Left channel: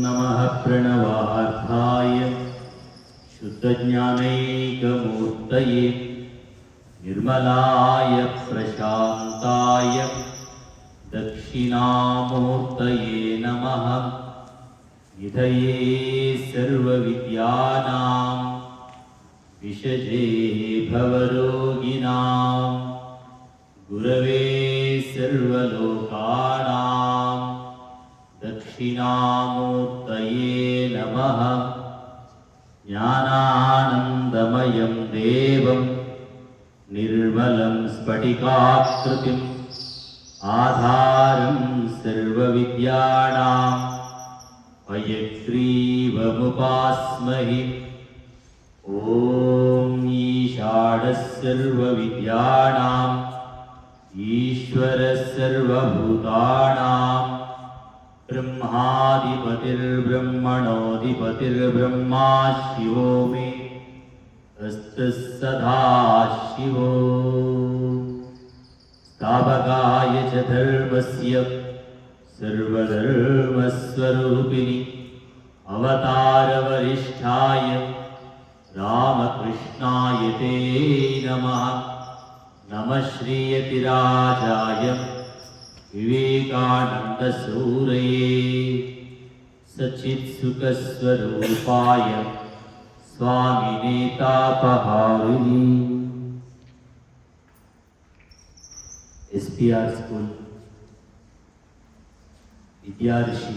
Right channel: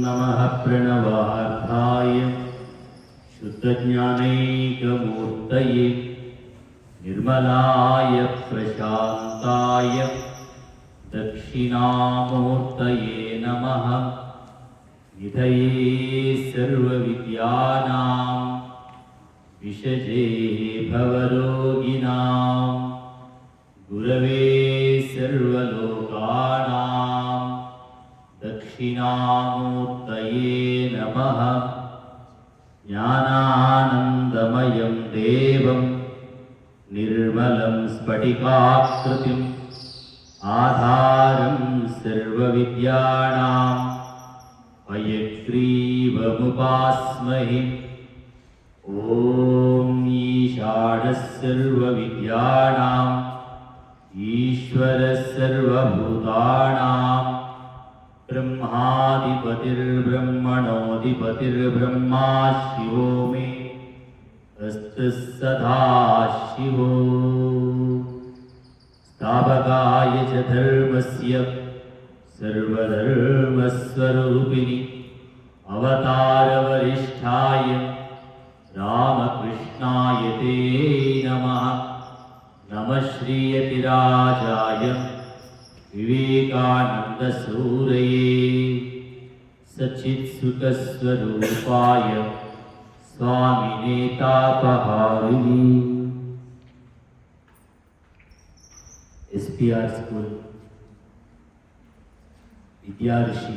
नमः प्रणवार्थाय शुद्धज्ञानैकमूर्तये निर्मलाय प्रशान्ताय दक्षिणामूर्तये नमः। निधये सर्वविद्यानां विषजे भवरोगिणां गुरवे सर्वलोकानां दक्षिणामूर्तये नमः। ज्ञानानन्दमयं देवं निर्मलं स्फटिकाकृतिम् आधारं सर्वविद्यानां हयग्रीवमुपास्महे। ॐ ईशानः सर्वविद्यानां ईश्वरः सर्वभूतानां ब्रह्माधिपतिर्ब्रह्मणोऽधिपतिर्ब्रह्मा शिवो मे अस्तु सदा शिवो। स्थापकाय च धर्मस्य सर्वधर्मस्वरूपिणि अवतारवरिष्ठाय रामकृष्णाय ते नमः। नमः श्रीयतिराजाय विवेकानन्दसूरये सच्चित्सुखस्वरूपाय स्वामिने तापहारिणे। SPR स्कूल విద్యార్షి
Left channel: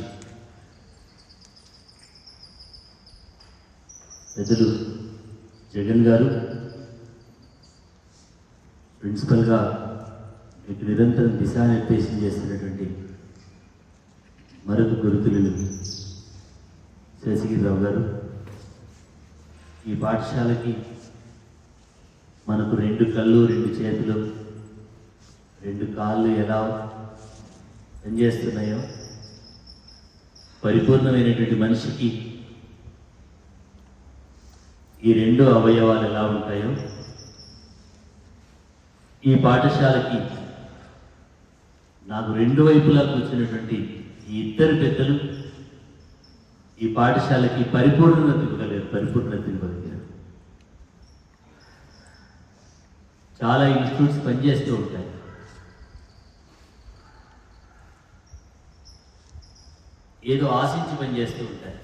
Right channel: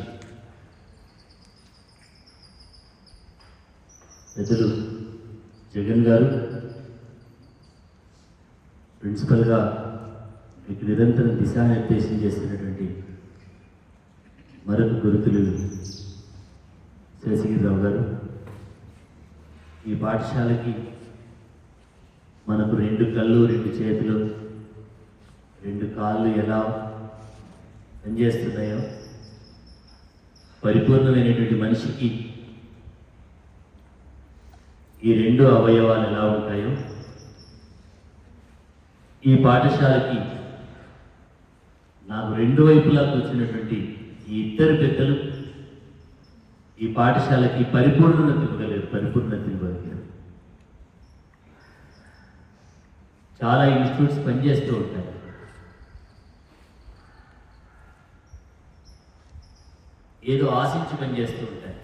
పెద్దలు జగన్ గారు ప్రిన్సిపల్గా మీకు నిరంతరం దిశానిర్దేశం చేస్తున్నటువంటి మరొక గురుతులు శేషగిరిరావు గారు, ఈ పాఠశాలకి మనకు 2 కళ్ళు 2 చేతులు 2 కాళ్ళు ఎలా పనిచేస్తున్నాయో, పరిపూర్ణమైనటువంటి మనిషికి ఈ 2 అవయవాలు ఎలా ఉంటాయో, ఈ పాఠశాలకి నాకు 2 వైపులా కూర్చున్నటువంటి ఈ 2 పెద్దలు ఈ పాఠశాలకి పరిపూర్ణత ఇవ్వగలిగారు. చాలా ఇన్స్టిట్యూట్స్ పనిచేస్తూ ఉంటాయి. ఏదో ఆశించి పనిచేస్తూ ఉంటాయి.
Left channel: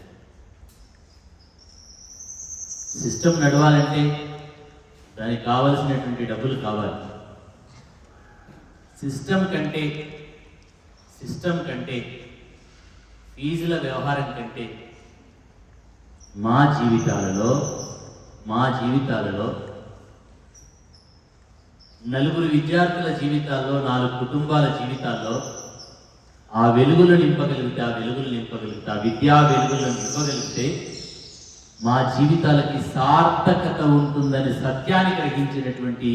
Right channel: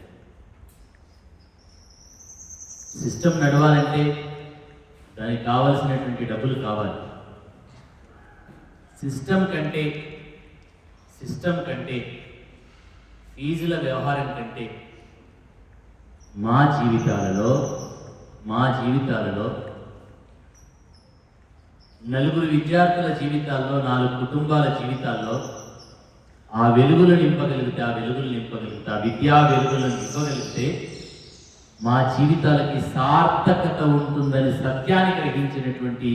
సిస్టమ్ నడవాలంటే దానికి కావలసినటువంటి డబ్బులు కావాలి. సిస్టమ్ కంటే ఫీజుల వ్యవహారం కంటే మా జీవితాలలో 4 విద్యార్థుల జీవితాల్లో, 4 కుటుంబాల జీవితాల్లో ఆ వెలుగులు నింపగలిగితే, ఆ విద్యా వెలుగులను నింపగలిగితే మా జీవితాలకి సార్థకత ఉంటుందని సత్యాన్ని గ్రహించినటువంటి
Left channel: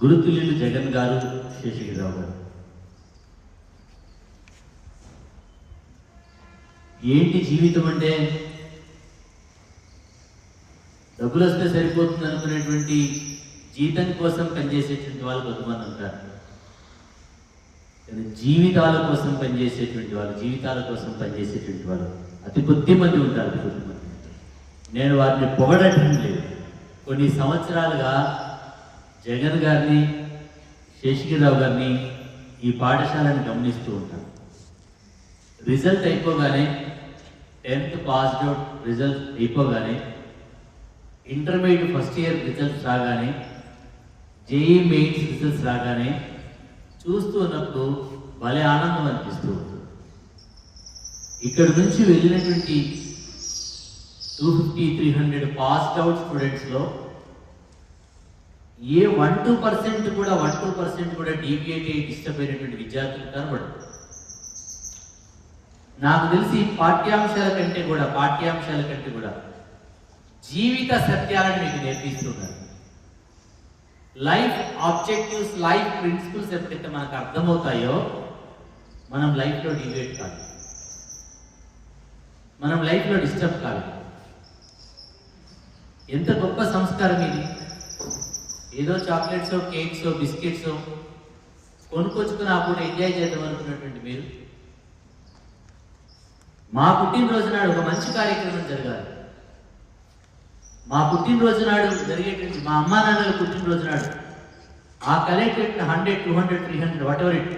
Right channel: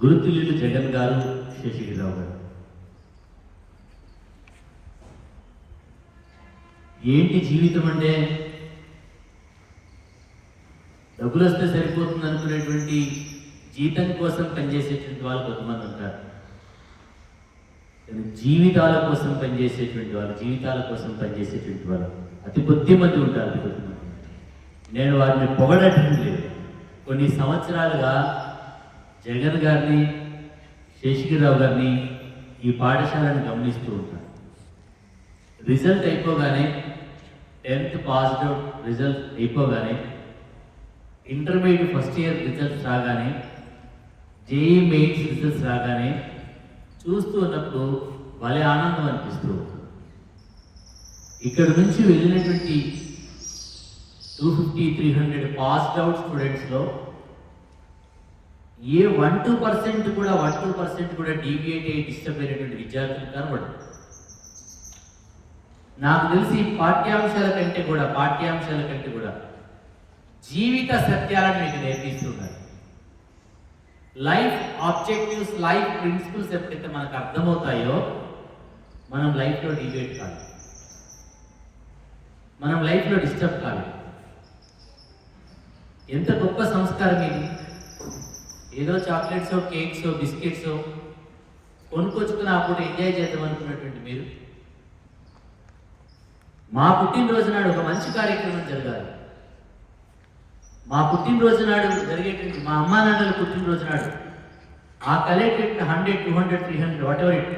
గురుతుల్యులు జగన్ గారు, శేషగిరిరావు గారు. ఏంటి జీవితం అంటే డబ్బులు వస్తే సరిపోతుంది అనుకునేటువంటి జీతం కోసం పనిచేసేటువంటి వాళ్ళు కొంతమంది ఉంటారు. జీవితాల కోసం పనిచేసేటువంటి వాళ్ళు అతి కొద్ది మంది ఉంటారు. నేను వారిని పొగడటం లేదు. కొన్ని సంవత్సరాలుగా జగన్ గారిని, శేషగిరిరావు గారిని ఈ పాఠశాలను గమనిస్తూ ఉంటాను. రిజల్ట్ అయిపోగానే, 10th పాస్డ్ అవుట్ రిజల్ట్ అయిపోగానే, ఇంటర్మీడియట్ ఫస్ట్ ఇయర్ రిజల్ట్స్ రాగానే, JEE మెయిన్స్ రిజల్ట్స్ రాగానే చూస్తూ ఉన్నప్పుడు భలే ఆనందం అనిపిస్తూ ఉంటుంది. ఇక్కడ నుంచి వెళ్ళినటువంటి 250-300 పాస్డ్ అవుట్ స్టూడెంట్స్లో ఏ 1-2% కూడా డీవియేట్ అయ్యి డిస్టర్బ్ అయినటువంటి విద్యార్థులు కనబడరు. నాకు తెలిసి పాఠ్యాంశాల కంటే కూడా జీవిత సత్యాలను మీకు నేర్పిస్తున్నారు. లైఫ్ ఆబ్జెక్టివ్స్, లైఫ్ ప్రిన్సిపల్స్ ఎప్పుడైతే మనకు అర్థమవుతాయో మనం లైఫ్లో డివియేట్ కాదు, మనం లైఫ్లో డిస్టర్బ్ కాదు. ఎంత గొప్ప సంస్కారం ఇది! ఏదో చాక్లెట్స్, కేక్స్, బిస్కెట్స్ కొనుక్కొచ్చుకుని అప్పుడు ఎంజాయ్ చేద్దాం అనుకున్నటువంటి మీరు మా పుట్టినరోజు నాడు ఒక మంచి కార్యక్రమం జరగాలి. మా పుట్టినరోజు నాడు జరిగేటువంటి మా అమ్మా నాన్నల పుట్టినరోజు నాడు ఆ కలెక్టెడ్ 100, 200, 300 వాటెవర్ ఇట్,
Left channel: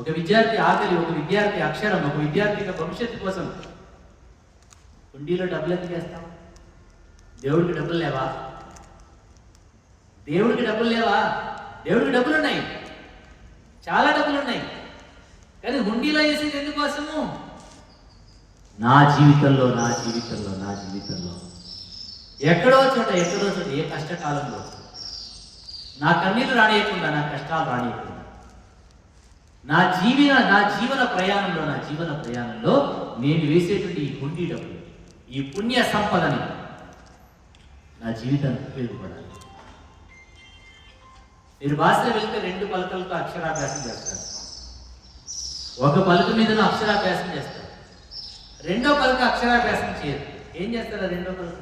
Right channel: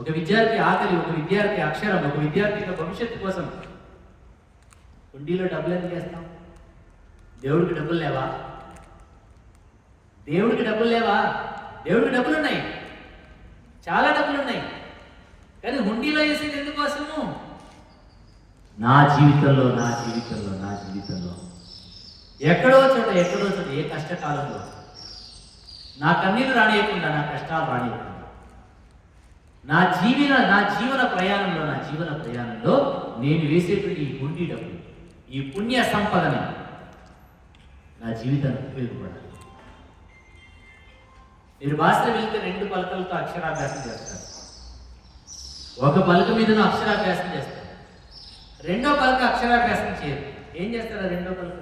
ఒక విద్యార్థి ఆకలి, ఒక విద్యార్థి అక్షరం, ఒక విద్యార్థి భవిష్యత్తు కోసం హుండీలో డబ్బులు ఎందుకు వేస్తాం? దేవుడికి డబ్బులు లేవా? దేవుడికి డబ్బులు లేవా? దేవుడికి డబ్బులు ఉన్నాయి, చాలా డబ్బులు ఉన్నాయి. కానీ హుండీలో వేసేది ఎందుకోసము? నా జీవితంలో నా జీవితంలో నా జీవితంలో ఎక్కడో చోట ఏ కష్టకాలంలో నా కన్నీళ్ళు రానియకుండా, నా కష్టాలు రానియకుండా, నా జీవన ప్రయాణంలో నేను వేసేటువంటి ఈ హుండీ డబ్బు, ఈ పుణ్య సంపదని నా జీవితానికి ఉపయోగపడాలి. మీరు భాషలో వెళ్తే 2 పలకలతో అక్షరాభ్యాసం చేస్తారు. ఒక పలక మీదను అక్షరాభ్యాసం చేస్తారు, రెండో పలక అక్షరాభ్యాసం చేయరు. ఏం చేస్తారు? ఆ రెండో పలక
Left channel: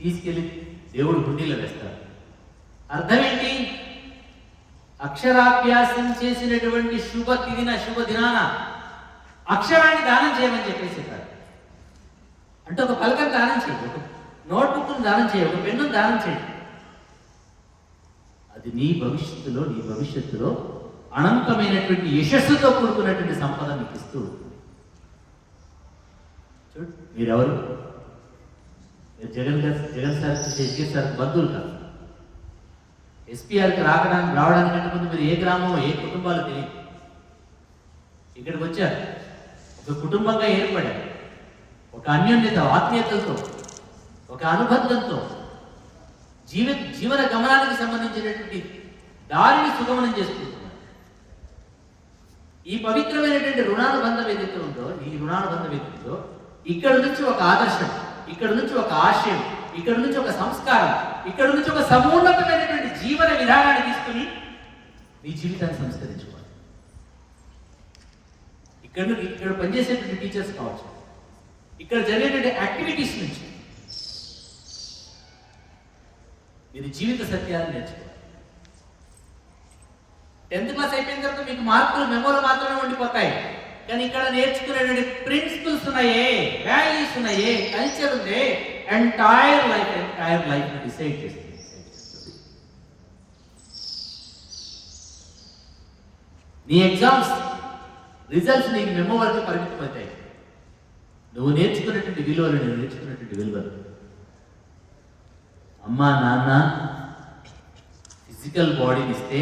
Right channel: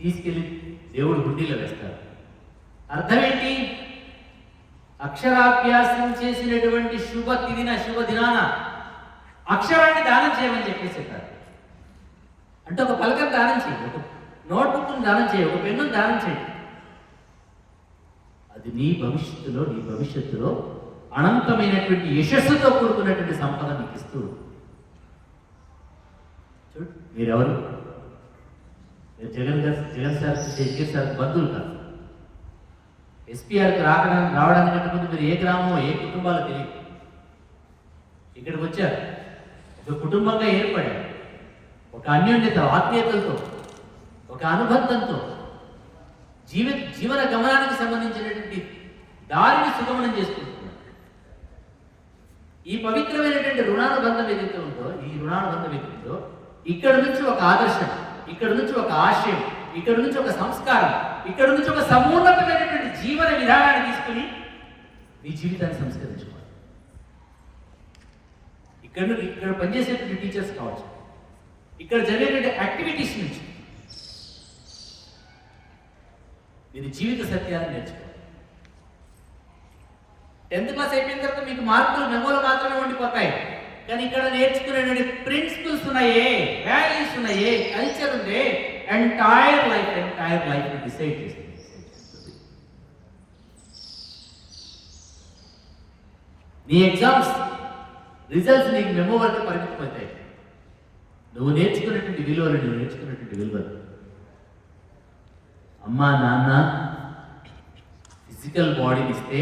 తీసుకెళ్ళి దేవుడు హుండీలో వేస్తారు. అర్థం ఏంటి? అక్షరాభ్యాసం చేసినటువంటి శుభ దినాన అక్షరాన్ని దానం చేయమని చెప్పేసేటారు. అంటే ఒక పలకను దానం చేయి, ఒక నోట్బుక్ను దానం చేయి, ఒక పెన్నును దానం చేయి. అది నీ భవిష్యత్తులో అనంతమైనటువంటి యశస్సుతో కూడుకున్నటువంటి సంపద మీకు ఇస్తూ ఉంటుంది. చూడు, మీరెవరు? మీరు జగన్ సార్ శేఖర్ సార్ బంధువులు కాదు. ఎస్పీఆర్కి రావడానికంటే ముందు మీరు ఏ గ్రామం, ఏ కుటుంబాలు తెలియదు. ఇక్కడికి వచ్చారు, ఒక కుటుంబంగా ఏర్పడారు, ఒక అన్యోన్యత, ఆత్మీయతలతో, ఒక అనుబంధంతో జీవన గమనానికి సంబంధించినటువంటి దారిని సుగమనం చేసుకుంటున్నారు. ఈ పవిత్రమైనటువంటి రుణానుబంధం ఏదైతే ఉందో, ఇక్కడ నుంచి ఒక ఆదర్శం, ఇక్కడ నుంచి ఒక ఆశయం, ఇక్కడ నుంచి ఒక సంస్కారం, ఇక్కడ నుంచి ఒక సమున్నతమైనటువంటి జీవన విధానాన్ని తీసుకుని మీ జీవితాన్ని సంస్కరించుకోవాలి. ఇక్కడ పనిచేసేటువంటి టీచర్స్ కావచ్చు, ఇక్కడ జరిగేటువంటి యాక్టివిటీస్ నుంచి మీరు జీవిత సత్యాన్ని నేర్చుకోవాలి. 10th క్లాస్ అయిపోయిన తర్వాత మీకు మార్కులు, మెమోలు మాత్రమే ఉండిపోతాయి. కానీ ఇక్కడ నేర్చుకునేటువంటి ప్రిన్సిపల్స్ ఉన్నాయే, వాల్యూస్ ఉన్నాయే, కల్చర్ ఉంది, ఎంటైర్ లైఫ్ డిసైడ్ చేస్తుంది. నీ ఎగ్జామ్స్ రిజల్ట్స్ నీకు మెమో వరకు పరిమితం అవుతాయి. నువ్వు నేర్చుకున్నటువంటి విలువలు అమ్మా నాన్న ఫిజికల్ బాడీని ఇస్తే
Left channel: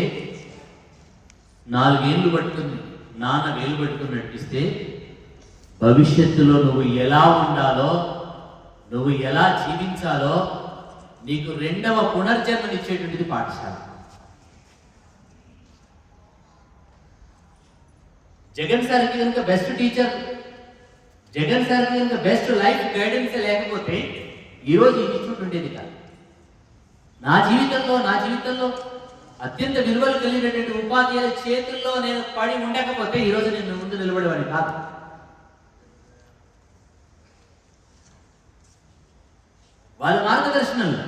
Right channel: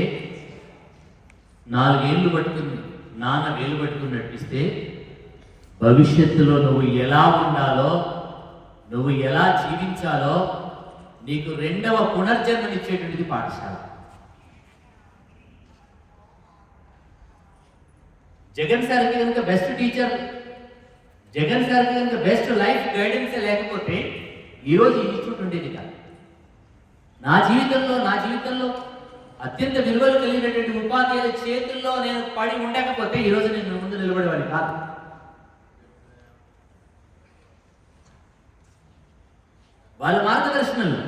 4 ఏళ్ళు పట్టుకుంది, నాన్న వేలు పట్టుకుని నడిపిస్తే భవిష్యత్తులో నువ్వు ఎలా ఉండాలో, నువ్వు ఎలా జీవించాలో నీకు 2వ పునర్జన్మనిచ్చేటువంటిది పాఠశాల. జగన్ సార్కి కనుక బెస్ట్ టీచర్, జగన్ సార్కి కనుక బెస్ట్ లైఫ్ గైడెన్స్ లేకపోతే ఈరోజు ఈ ఇన్స్టిట్యూట్ ఉండేది కాదు. నా జీవితంలో అత్యంత విలువలు కలిగినటువంటి ఉపాధ్యాయుల చేతుల్లో నేను పడి ఉండకపోతే ఈరోజు నేను ముందు నిలబడేవాడిని కాదు. వాళ్ళ మార్గదర్శనంలో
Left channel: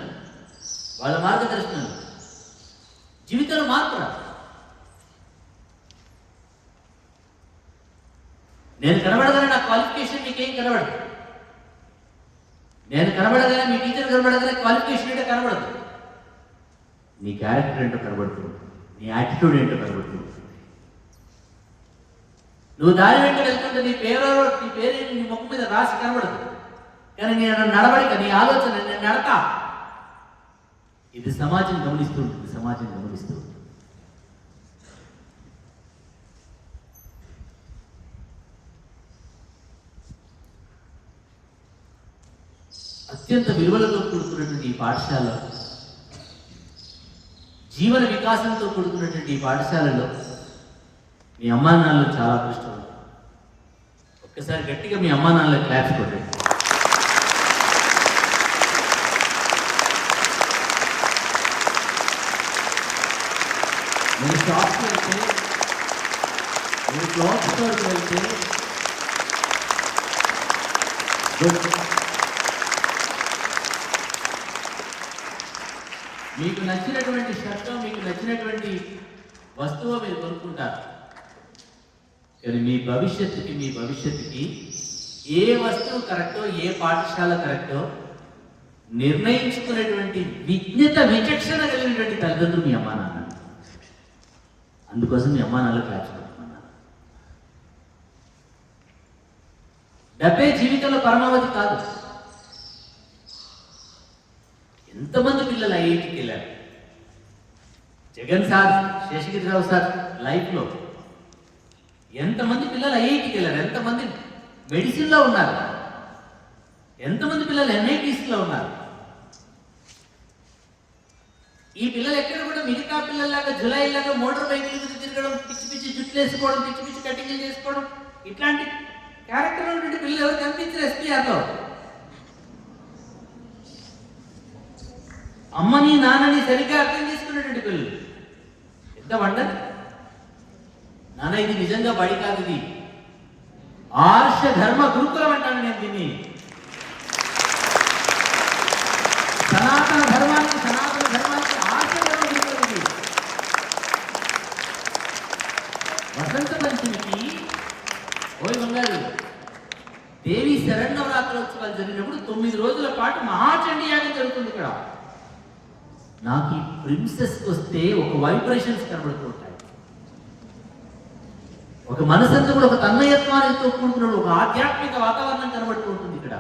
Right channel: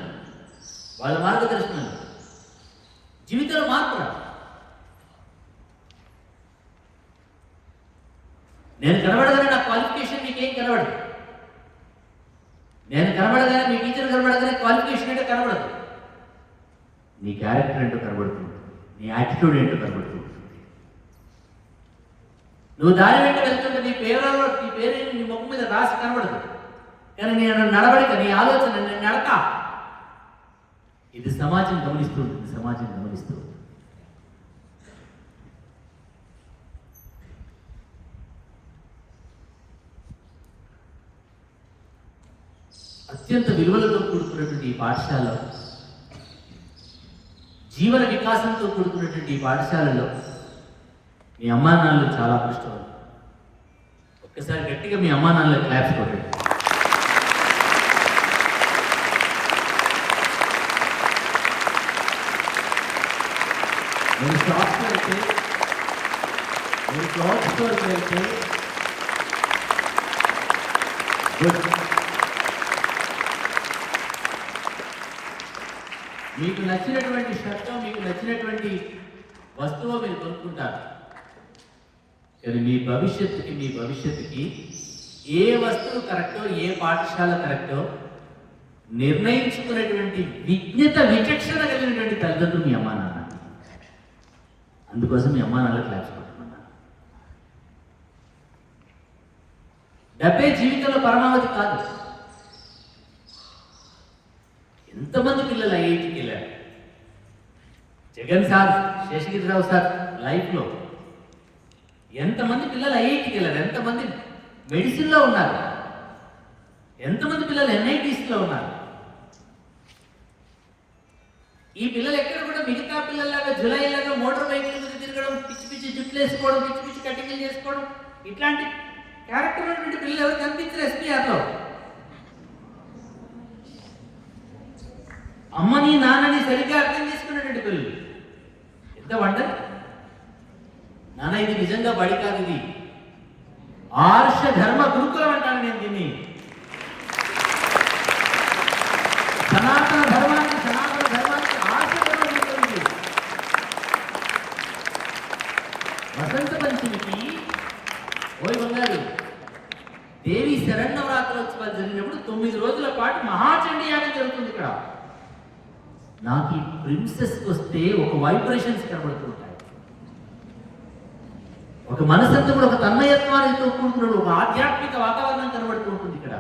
జీవితంలో మార్పు రాదు. నేను కనబడగానే నా క్వాలిఫికేషన్ మీకేం కనబడదు. నేను కనబడగానే మీ టీచర్ కనబడగానే క్వాలిఫికేషన్ అంటే కనబడదు. నీ క్యారెక్టర్ ఏంటో కనబడుతుంది, నీ యాటిట్యూడ్ ఏంటో కనబడుతుంది. నువ్వు దారి వెంట వెళ్తుంటే నీ పేరేంటి నీ ముఖం మీద రాసి కనబడదు. కానీ నేను నడవడిక, నీ ఆలోచన, నేను నడతా, ఇది సమాజం గమనిస్తూ ఉంటుంది. అత్యంత విలువలతో కూడుకున్నటువంటి ఈ పాఠశాల, జీవన వికాసంతో కూడుకున్నటువంటి ఈ పాఠశాలలో మీ అమ్మా నాన్నలు చాలా కష్టం. ఒక్కసారి గట్టిగా మీ అమ్మా నాన్నలు క్లాప్స్ కొట్టండి. మీరు షాప్కి వెళ్తే, మీరు క్లాత్ స్టోర్కి వెళ్తే మీకు నచ్చినటువంటి షర్ట్, మీకు నచ్చినటువంటి వస్తువు మీరు కొనుక్కుంటారు. కానీ మీ భవిష్యత్తుకి ఏ వస్తువు కరెక్టో, ఏ పాఠశాల కరెక్టో నిర్ణయించుకున్నటువంటి విజ్ఞత విచక్షణ కలిగినటువంటి తల్లిదండ్రులు మీ అమ్మా నాన్న. అందుకోసం మీ అమ్మా నాన్న క్లాస్ పెడుతున్నా. డబ్బే జీవితంలో పరమావధి కాదు. ఎంతమంది పిల్లలు ఐఐటికి వెళ్ళారు? జగన్ సార్, శేషగిరిరావు సార్ లైఫ్లో ఎంతమంది పిల్లలు ఐఐటికి వెళ్ళారు? ఎంతమంది మెడిసిన్లో ఉన్నారు? ఎంతమంది పిల్లలు ఎన్ఐటీస్లో ఉన్నారు? ఈ పిల్లలు ఎక్కడ కూడా మిగతా పిల్లల్లాగా జులైలాగా మోటార్ బైకుల మీద తిరగడం, పిచ్చి పిచ్చి జుట్లు వేసుకోవడం, పిచ్చి పిచ్చి కటింగ్లు చేసుకోవడం, ఇట్లాంటి క్యారెక్టర్ ఉన్నటువంటి పిల్లలు ఎవరు కనిపించారు ఎస్పీఆర్లో? అమ్మని నాన్నని సరిగ్గా అర్థం చేసుకున్నటువంటి పిల్లలు. ఎంత వండర్! నాన్న ఇది నిజంగా బడి కాదు, ఇది ఆర్ష ధర్మ గురుకులం అంటాను నేను దీన్ని. సనాతన ధర్మానికి ఆశీర్వాదం ఉంటుంది. వసంత పంచమికి ఓయ్ బంగారు దేవి శరణవరాత్రోత్సవాలు జరిగినప్పుడు 9 రోజుల పాటు మహాచండీ యాగం జరుగుతుంది ఇక్కడ. నాకు ఈ ప్రిన్సెస్కి వస్తే ఒక వైబ్రేషన్స్ కనబడుతుంటాయి, ఒక మనసంతా కూడా ఒక తన్మయత్వానికి కూడుకున్న ఒక ఆధ్యాత్మిక వాతావరణం కనబడుతూ ఉంటుంది ఇక్కడ.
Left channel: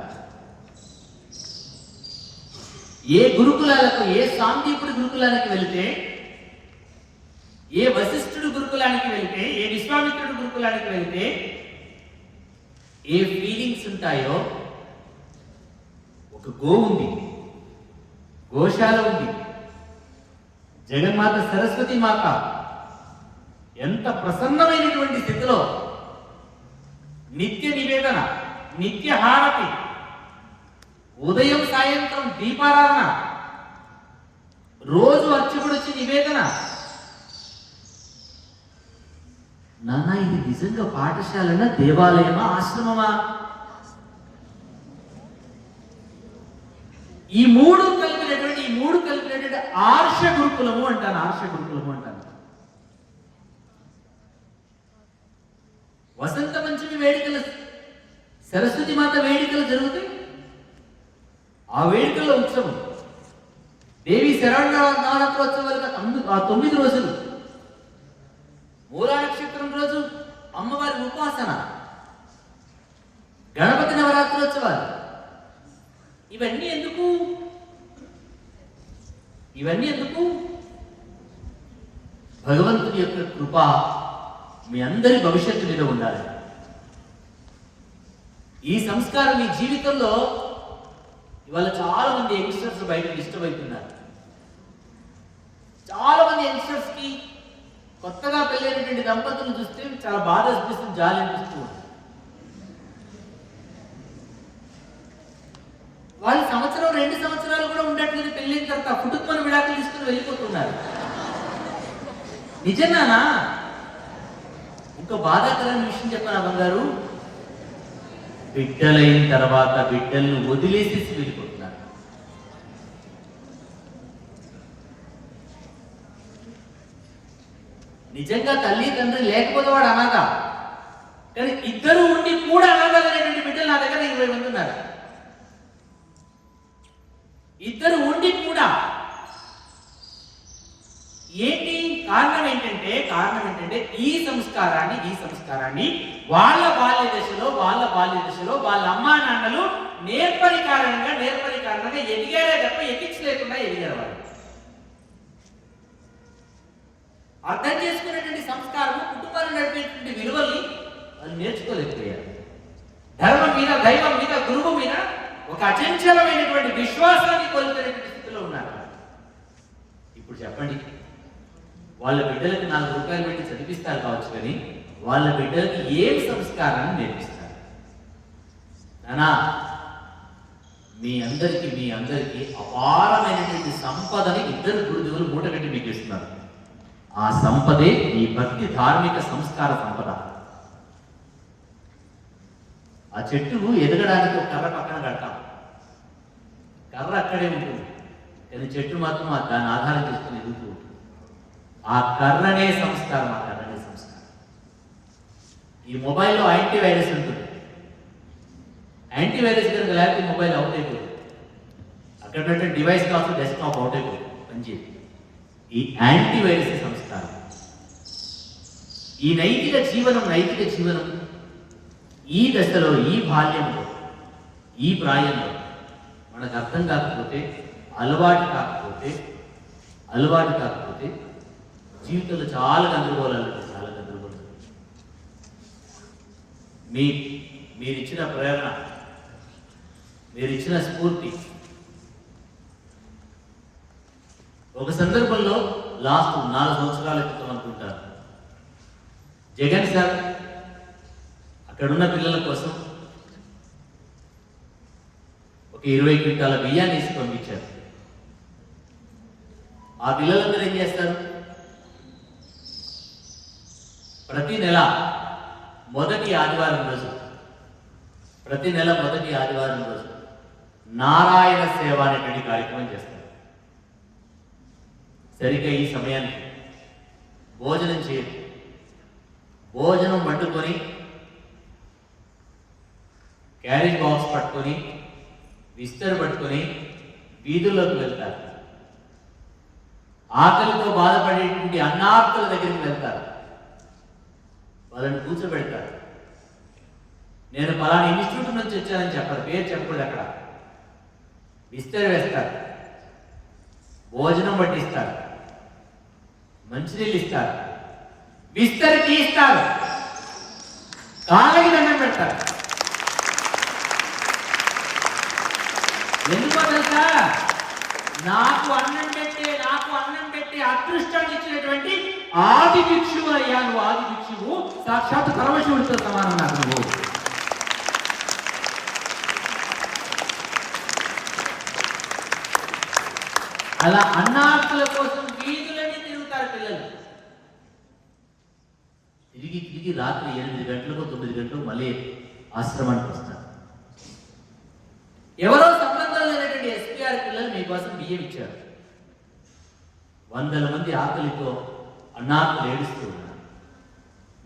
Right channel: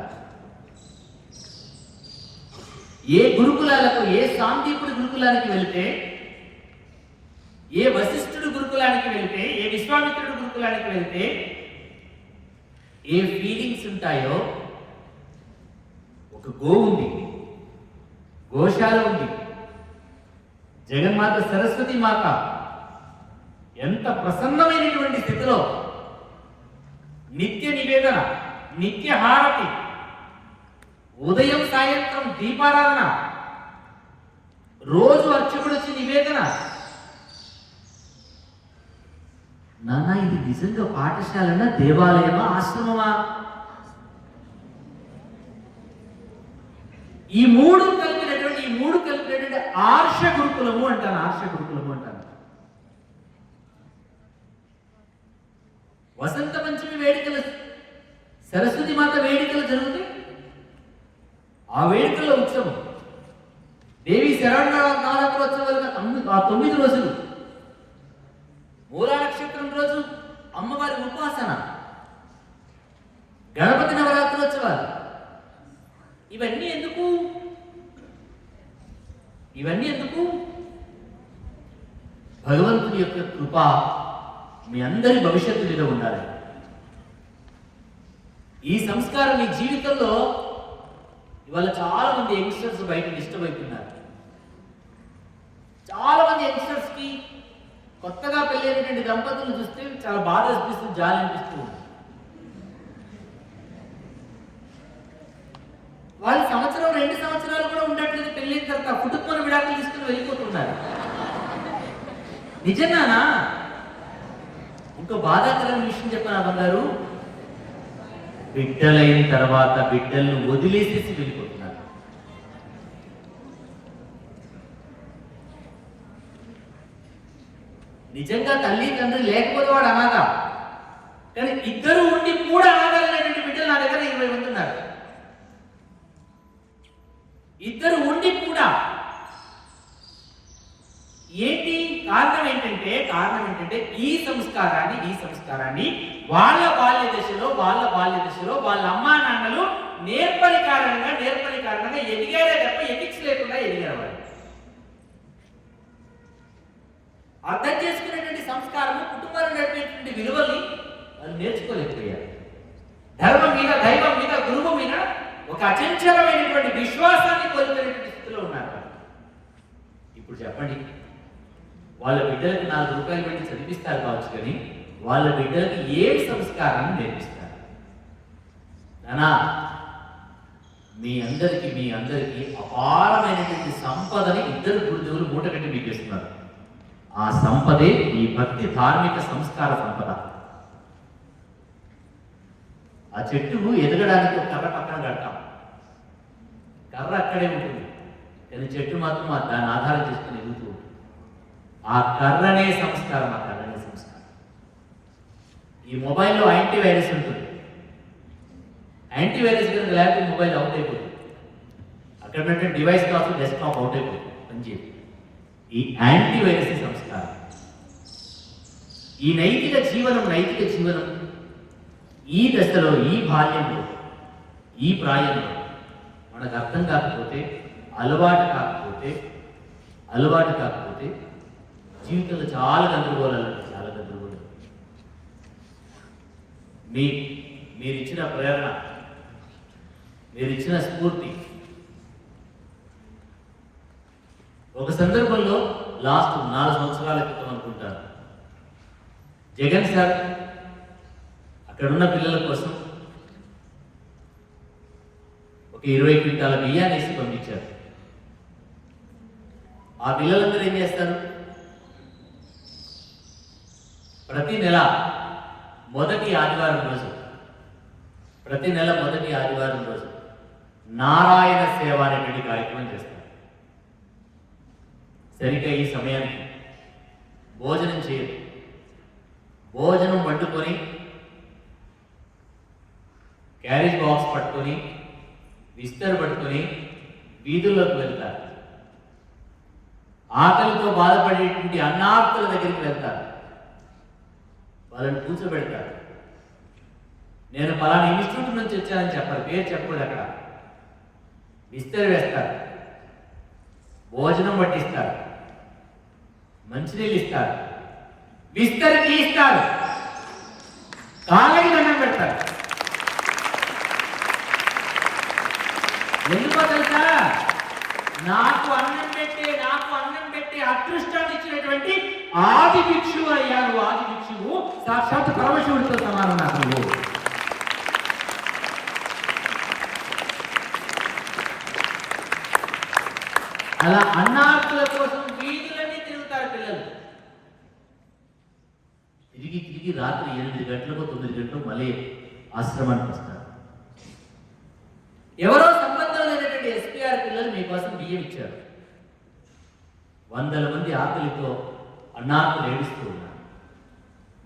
ఏ గురుకులాలకు, ఏ సాందీపుడి గురుకులానికి వెళ్తే, ఏ వశిష్ఠుడు గురుకులానికి వెళ్తే, ఏ విశ్వామిత్రుడు గురుకులానికి వెళ్తే ఏ ఫీలింగ్స్ ఉంటాయో, ఒక గో ఉంది, గోశాల ఉంది, జగన్మాత సరస్వతి మాత ఎంత ప్రసన్నమైనటువంటి స్థితిలో నిత్య నివేదన, నిత్య హారతి, ఉదయం సాయంత్రం దీపారాధన, రోజు అర్చకుడు వచ్చి నివేదన. నాన్న ఇది నిజంగా పాఠశాలనా, దేవాలయమా, ఆశ్రమమా? ఈ మూడు కలిపినటువంటి ఆర్ష గురుకులము అంటాను, ఆర్ష గురుకులము అంటాను. వసంత పంచమి వేడుకలు, సరస్వతి మాత వేడుకలు జరుగుతాయి. ఆ వేడుకల్లో ఉత్సవం, దేవి శరణవరాత్రోత్సవాలుగా 9 రోజులు, మూలా నక్షత్రం రోజు అమ్మవారి ఉపాసన, గణపతి నవరాత్రోత్సవాలు. ఇవన్నీ ఎందుకు? భగవంతుని యొక్క కృప మీ అందరి భవిష్యత్తు మీద ఉండాలి. ఈ సంస్కారం మీ జీవితంలో ఇవాళ చాలా మంది యంగ్స్టర్స్ బయట డిస్టర్బ్ అవుతున్నారు. చాలా మంది యంగ్స్టర్స్ కి కొత్తగా పెళ్ళైనటువంటి దంపతులను చూస్తే చాలా బాధ అనిపిస్తుంది, జాలి అనిపిస్తూ ఉంటుంది. వాళ్ళు 1-2 సంవత్సరాలు కూడా ఉండట్లేదు, పెళ్ళైన తర్వాత కుటుంబ విడాకులు తీసుకుని వెళ్ళిపోతున్నారు. నిజంగానా? ఇంకో బాధాకరమైన విషయం చెప్పాను బంగారు, బిడ్డలైన తర్వాత బిడ్డలను వదిలేసేసి వెళ్ళిపోతున్నారు. నిజంగా తల్లి తండ్రి లేకపోతే వాడు అనాథ, కానీ ఇద్దరు ఉండి కూడా అనాథలైనటువంటి బిడ్డలు నా దగ్గర 20 మంది ఉన్నారు. ఇద్దరు ఉండి కూడా. ఏంటి కారణం? ఏంటంటే ఈ సంస్కారాన్ని వాళ్ళ బాల్య దశలో వాళ్ళ అమ్మా నాన్నలు నేర్పరి కారణంగా ఎదిగారే తప్ప ఎథిక్స్ లేకుండా ఎదిగారు. వాళ్ళు అర్థం చేసుకునేటువంటి సంస్కారము, కుటుంబాలు నడిపేటువంటి విలువల్ని వాళ్ళు నేర్చుకోలేకపోయారు. ధర్మం మీద, దైవం మీద, గురువు మీద ఒక అచంచలమైనటువంటి విశ్వాసాన్ని కోల్పోయినటువంటి స్థితిలో ఉన్నారు. ఇప్పుడు చెప్పండి, వాళ్ళ బిడ్డలకి 4 రూపాయలు పెట్టి చదివిస్తారు కావచ్చు, కానీ వాళ్ళ బిడ్డలకి ఏం సంస్కారాన్ని నేర్పిస్తారు? నానా, మీ అందరికీ అపారమైనటువంటి సంపదని ఇద్దరు గురుదేవులు మూటగట్టి మీకు ఇస్తున్నారు. ఆ సంపదే ఈ భక్తి, ధార్మిక సంస్కార సంపద. ఆ చెట్టు ఎదగడానికి ఒక కర్ర పక్కన కడతాం, కర్ర అక్కడే ఉంటుంది, కానీ చెట్టు మాత్రం దాన్ని ఆధారం చేసుకుని ఎదుగుతూ ఉంటుంది. ఆ కర్రనే సంస్కారం. ఈ మొబైల్లో యాంటీ వైరస్ ఉంటుంది, యాంటీవైరస్ కనుక లేకపోతే మొబైల్ అవుట్ అయిపోతుంది. అక్కడ పెట్టిన డివైస్ కావచ్చు డెస్క్టాప్ అవుట్ అయిపోతుంది, పనిచేయదు. ఈ యాంటీవైరస్ సంస్కారం, ఈ నైతిక జీవనం ఈ దశలో, ఈ బాల్యంలో, ఈ ప్రాయంలో మనకు అర్థం కాకపోతే, అలవాటు కాకపోతే జీవితంలో చాలా గందరగోళాలు ఉంటాయి. మీరిచ్చిన ప్రేరణ, మీరిచ్చిన స్ఫూర్తి, ఒక సందర్భంలో లాస్ట్ 4 సంవత్సరాల క్రితం అనుకుంటాను, జగన్ సార్ అక్కడున్న పిల్లల కోసం ఒక 20 క్వింటాల బియ్యాన్ని వేసి పంపించారు. ఆ పిల్లలందరూ ఏం చేస్తారు? ప్రతి నెల మొదటి ఆదివారం రోజు నారాయణ సేవ అనేటువంటి కార్యక్రమం చేస్తారు. సరిగ్గా ఈ సమయానికి భోజనం చేయరు. భోజనం వండుకొని క్యారేజ్ బాక్స్ పట్టుకొని, విస్తరు పట్టుకొని వీధుల్లోకి వెళ్తారు. ఆకలితో బాధపడేటువంటి అన్నార్తుల దగ్గరికి వెళ్తారు. వాళ్ళని కూర్చోబెడతారు. నేను పలానా ఇన్స్టిట్యూట్ నుంచి వచ్చానని చెప్పారు, పేరు చెప్పకూడదు. అక్కడ విస్తరి వేస్తారు, భోజనం పట్టిస్తారు, మంచినీళ్ళు ఇస్తారు, విస్తరి తీస్తారు, కాళ్ళకి దండం పెడతారు. ఎందుకో తెలుసా? నాకు అన్నం పెట్టి అదృష్టాన్ని ఇచ్చినటువంటి ఆది భిక్షువు అయ్యా నువ్వు. ఆది భిక్షువు సాక్షాత్ పరమశివుడితో సమానం నాకు నువ్వు. అలా అన్నార్తుల కోసం వీధులన్నీ తిరుగుతారు పిల్లలు. తిరిగి రాత్రి 8 గంటలకు 9 గంటలకు మళ్ళీ ఆశ్రమానికి వస్తారు. ఎవరో సంబంధం లేనటువంటి ఎస్పీఆర్ పిల్లలు మీకోసం బియ్యం ఇచ్చారు. వందల మంది ఆకలితో అన్నార్తులు ఏడుస్తూ ఉన్నారు.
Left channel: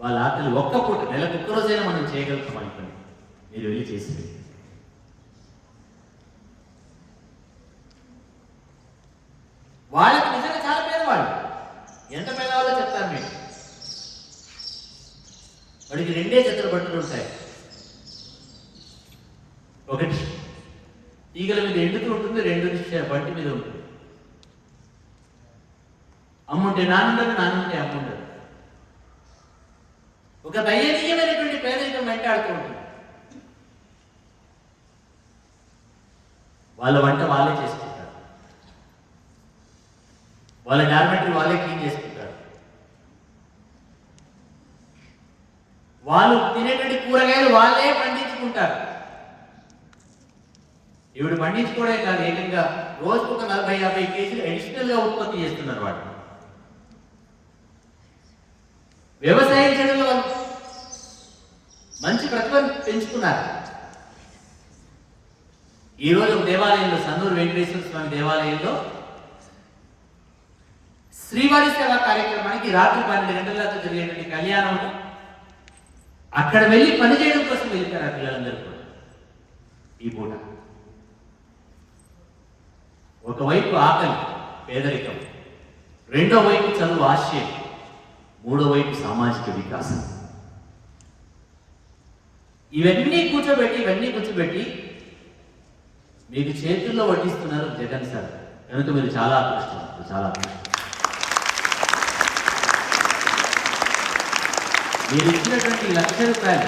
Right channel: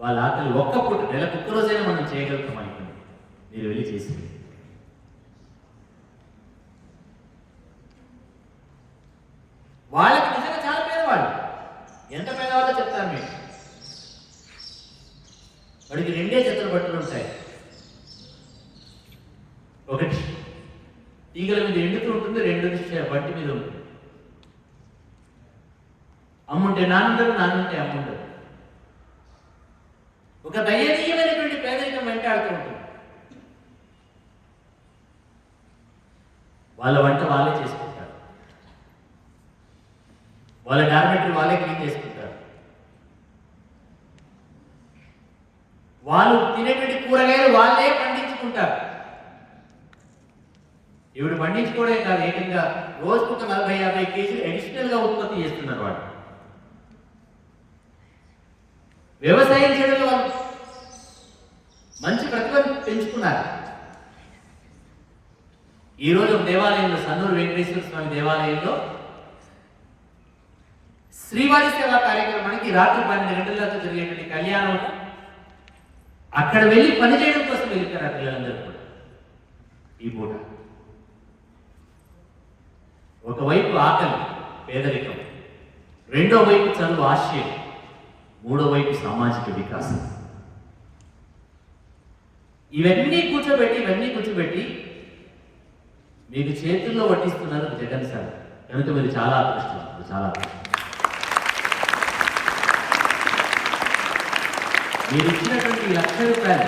వాళ్ళ ఆకలి ఒక్క పూట, నెలకు ఒక్క రోజైనా మనం చేయగలుగుతాం అనుకోండి. మీరు వెళ్ళి చేసి వాళ్ళకి నిజంగా చాలా పేదవాళ్ళు. ఎంత పేదవాళ్ళో చెప్తాను మీరు. వాడికి 2 జతల బట్టలు ఉంటాయి. ఒకటి ఈగల మీద ఎండుతూ ఉంటుంది, 2 బట్టి మీద ఉంటుంది. అమ్ముంటే నాన్నుండరు, నాన్నుంటే అమ్ముండరు. ఒక దయనీయమైనటువంటి పేదరికం వెంటాడుతూ ఉంటుంది. వాళ్ళ వంట వాళ్ళే చేసుకుంటారు, వాళ్ళ డార్మెటరీ వాళ్ళే క్లీన్ చేసుకుంటారు, వాళ్ళు తినేటువంటి కూరగాయలు వాళ్ళే పండించుకుంటారు. ఇవి పండించుకోవడే కాదు, ఏకంగా రోజుకు ఒక 40-50 కేజీలు అడిషనల్ గా ఉత్పత్తి చేస్తున్నారు. వాడు వ్యవసాయం చేయడంలో మంచి ప్రతిభను పెంచుకున్నారు. ఈరోజు దేవాలయంలో, సన్నూరు వెంకటేశ్వర స్వామి దేవాలయంలో శ్రీవారి సేవా కార్యక్రమానికి రాత్రి 12 గంటలతో జరిగేటువంటి కళ్యాణంలో అక్కడ వెళ్ళి పనిచేయడం కోసం వెళ్తారు ఆ పిల్లలందరూ. ఈ పూట ఒకవైపు ఆకలి, పేదరికం, రెండో వైపు చదువు ఆశయం, మూడో వైపు సామాజిక వికాసం. ఇవన్నీ కూర్చోబెట్టి మీకు చేతుల్లో వడ్డిస్తున్నారు జగన్ సార్. కనుక మీరు చాలా అదృష్టం. మీరు ఇచ్చినటువంటి ₹1,00,000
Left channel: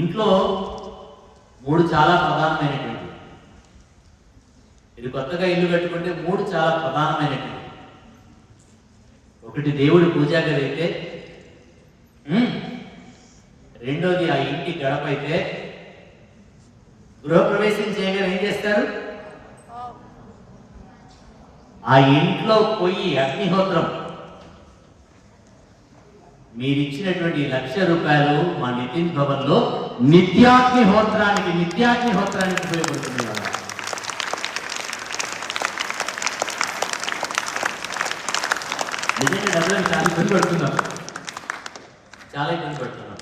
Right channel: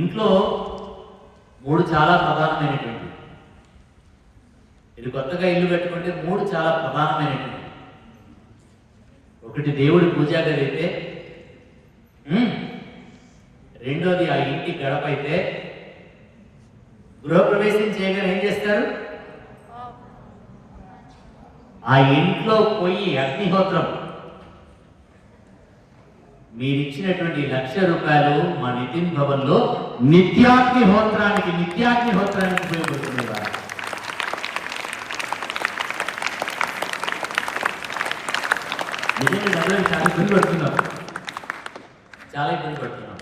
ఇంట్లో 3 చాలా ప్రధానమైనటువంటి. ఇది కొత్తగా ఇల్లు కట్టుకుంటే 3 చాలా ప్రధానమైనటువంటి. ఒకటి దేవుడి పూజా గది అయితే, రెండోది ఆ ఇంటి గడప అయితే, గృహప్రవేశం చేయగానే ఏం చేస్తారు? ఆ ఇంట్లో పోయి అగ్నిహోత్రం. మీరిచ్చినటువంటి ₹1,00,000 మా నితిన్ భవన్ లో నిత్యాగ్నిహోత్రానికి ఉపయోగపడుతుంది. నిజంగా చాలా పడుతున్నాం. చాలా ఇబ్బంది పడుతున్నాం.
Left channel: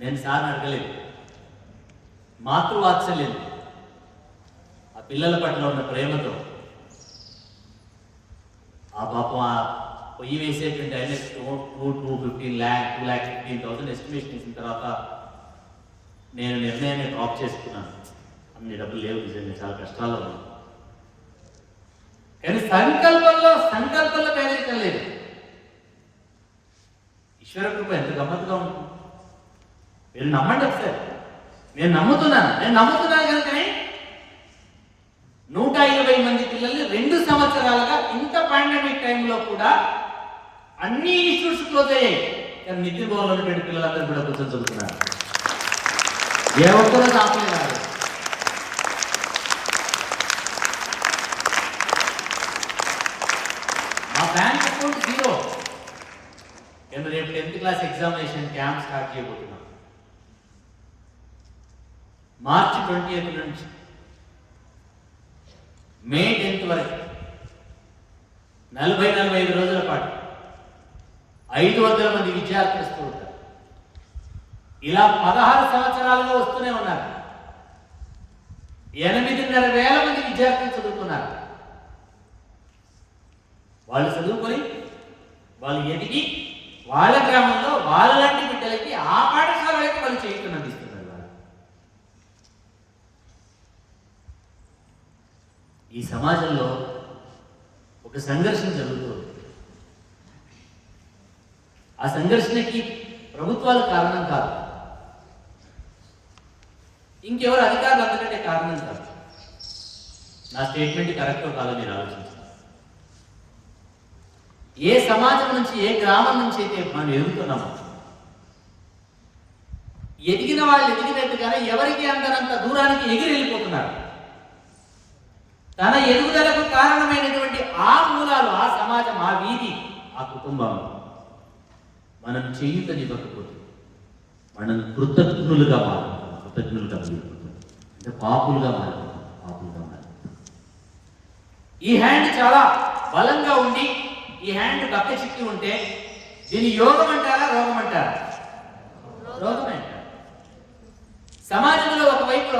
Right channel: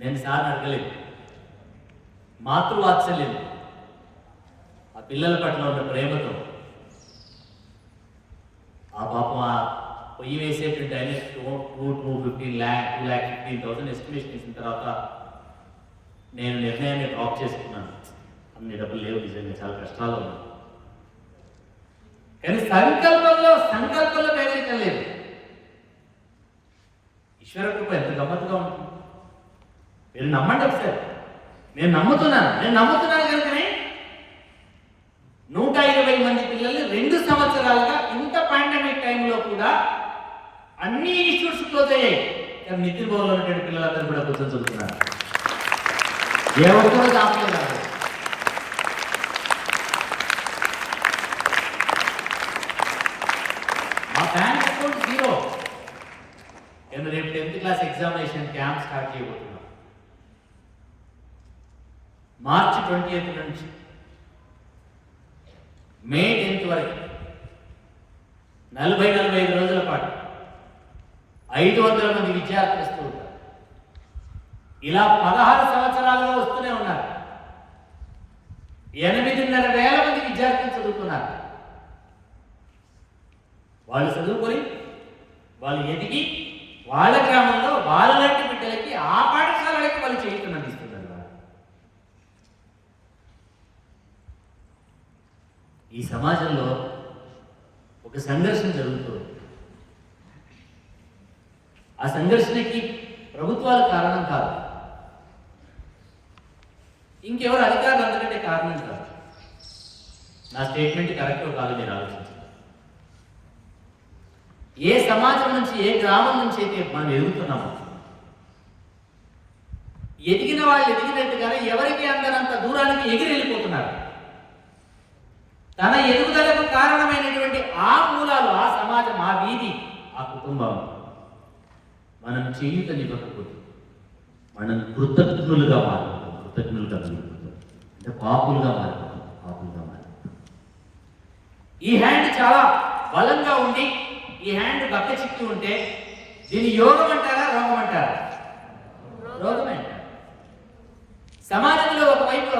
నేను సార్ని అడగలేదు. మాతృవాత్సల్యం, ఆ పిల్లల పట్ల ఉన్న ప్రేమతో ఆ పాపం ఆ పొయ్యి వేసేటువంటి ఆయన 2,15,000 ఎస్టిమేషన్ ఇచ్చిన తర్వాత నేను నిర్ణయాన్ని డ్రాప్ చేసుకున్నాను. అన్ని డబ్బులు లేవు, నిజంగా చాలా కష్టాలు ఉన్నాయి. కానీ సంకల్పంలో పేదరికం లేదు. ఈశ్వర కృప ఎంత గమ్మత్తుగా ఉంటుంది. మీరు నమ్మండి ఒకసారి. నేను నమ్ముతున్నాను కనుకనే 120 మంది పిల్లల్ని 2 సంవత్సరాలుగా ఇంత పాండమిక్ టైంలో కూడా అన్ని ఇన్స్టిట్యూట్స్ క్లోజ్ అయ్యాయి. కానీ నిద్ర భవన్లో ఉన్నటువంటి పిల్లలందరూ కూడా కొంచెం చదువుతున్నారు. ఏ ఒక్కరో ఆపలేదు. మా బ్యాంక్ అకౌంట్ 0. నేను రేపు 10th class examination camp start చేయబోతున్నాం. మార్చి 20th నుంచి మే 10th వరకు 40-45 రోజుల పాటు 500 మంది విద్యార్థులు వస్తూ ఉంటారు. ఇలా 16 సంవత్సరాలుగా వస్తూనే ఉన్నారు. 8,500 మంది విద్యార్థులు చదువుకున్నారు. వాళ్ళు చదువుకొని వాళ్ళు ఎదిగి వాళ్ళ గ్రామంలో వాళ్ళ లాంటి బిడ్డలకి ఆ పాఠశాలకి వాళ్ళు చేయకుండా ఇస్తున్నారు. ఈ సమాజంలో ఒక సంఘర్షణ జరుగుతుంది. ఆ సంఘర్షణకి ప్రభుత్వాలు కారణం కాదు, ఇంకెవరు అధికారులు అంతకంటే కారణం కాదు. నా స్టేట్మెంట్ కరెక్టో కాదు మీరు ఆలోచించండి. ఏ సమాజం నుంచి, ఏ గ్రామం నుంచి అయితే మనం ఎదుగుతున్నాము, ఎదిగిన వాళ్ళు ఎదిగినట్టుగానే ఎవరికి అందనంత దూరానికి ఎగిరి వెళ్ళిపోతున్నారు. తన ఎదుగుదలకు కారణమైనటువంటి ఆ మూలాలు, ఆ సమాజం, ఆ వీధి, ఆ కుటుంబం మనం చేయుతనివ్వకపోతే మనం కృతజ్ఞులుగా మారుతాం. అంటే పాపులుగా మారుతాం. ఈ హ్యాండ్ చాలా బలంగా ఉండి ఈ హ్యాండ్ బక్క చిక్కి ఉంటే దీని యోగం అంటారా, రోగం అంటారా? రోగం అంటారు. సమాజంలో ఒకవైపు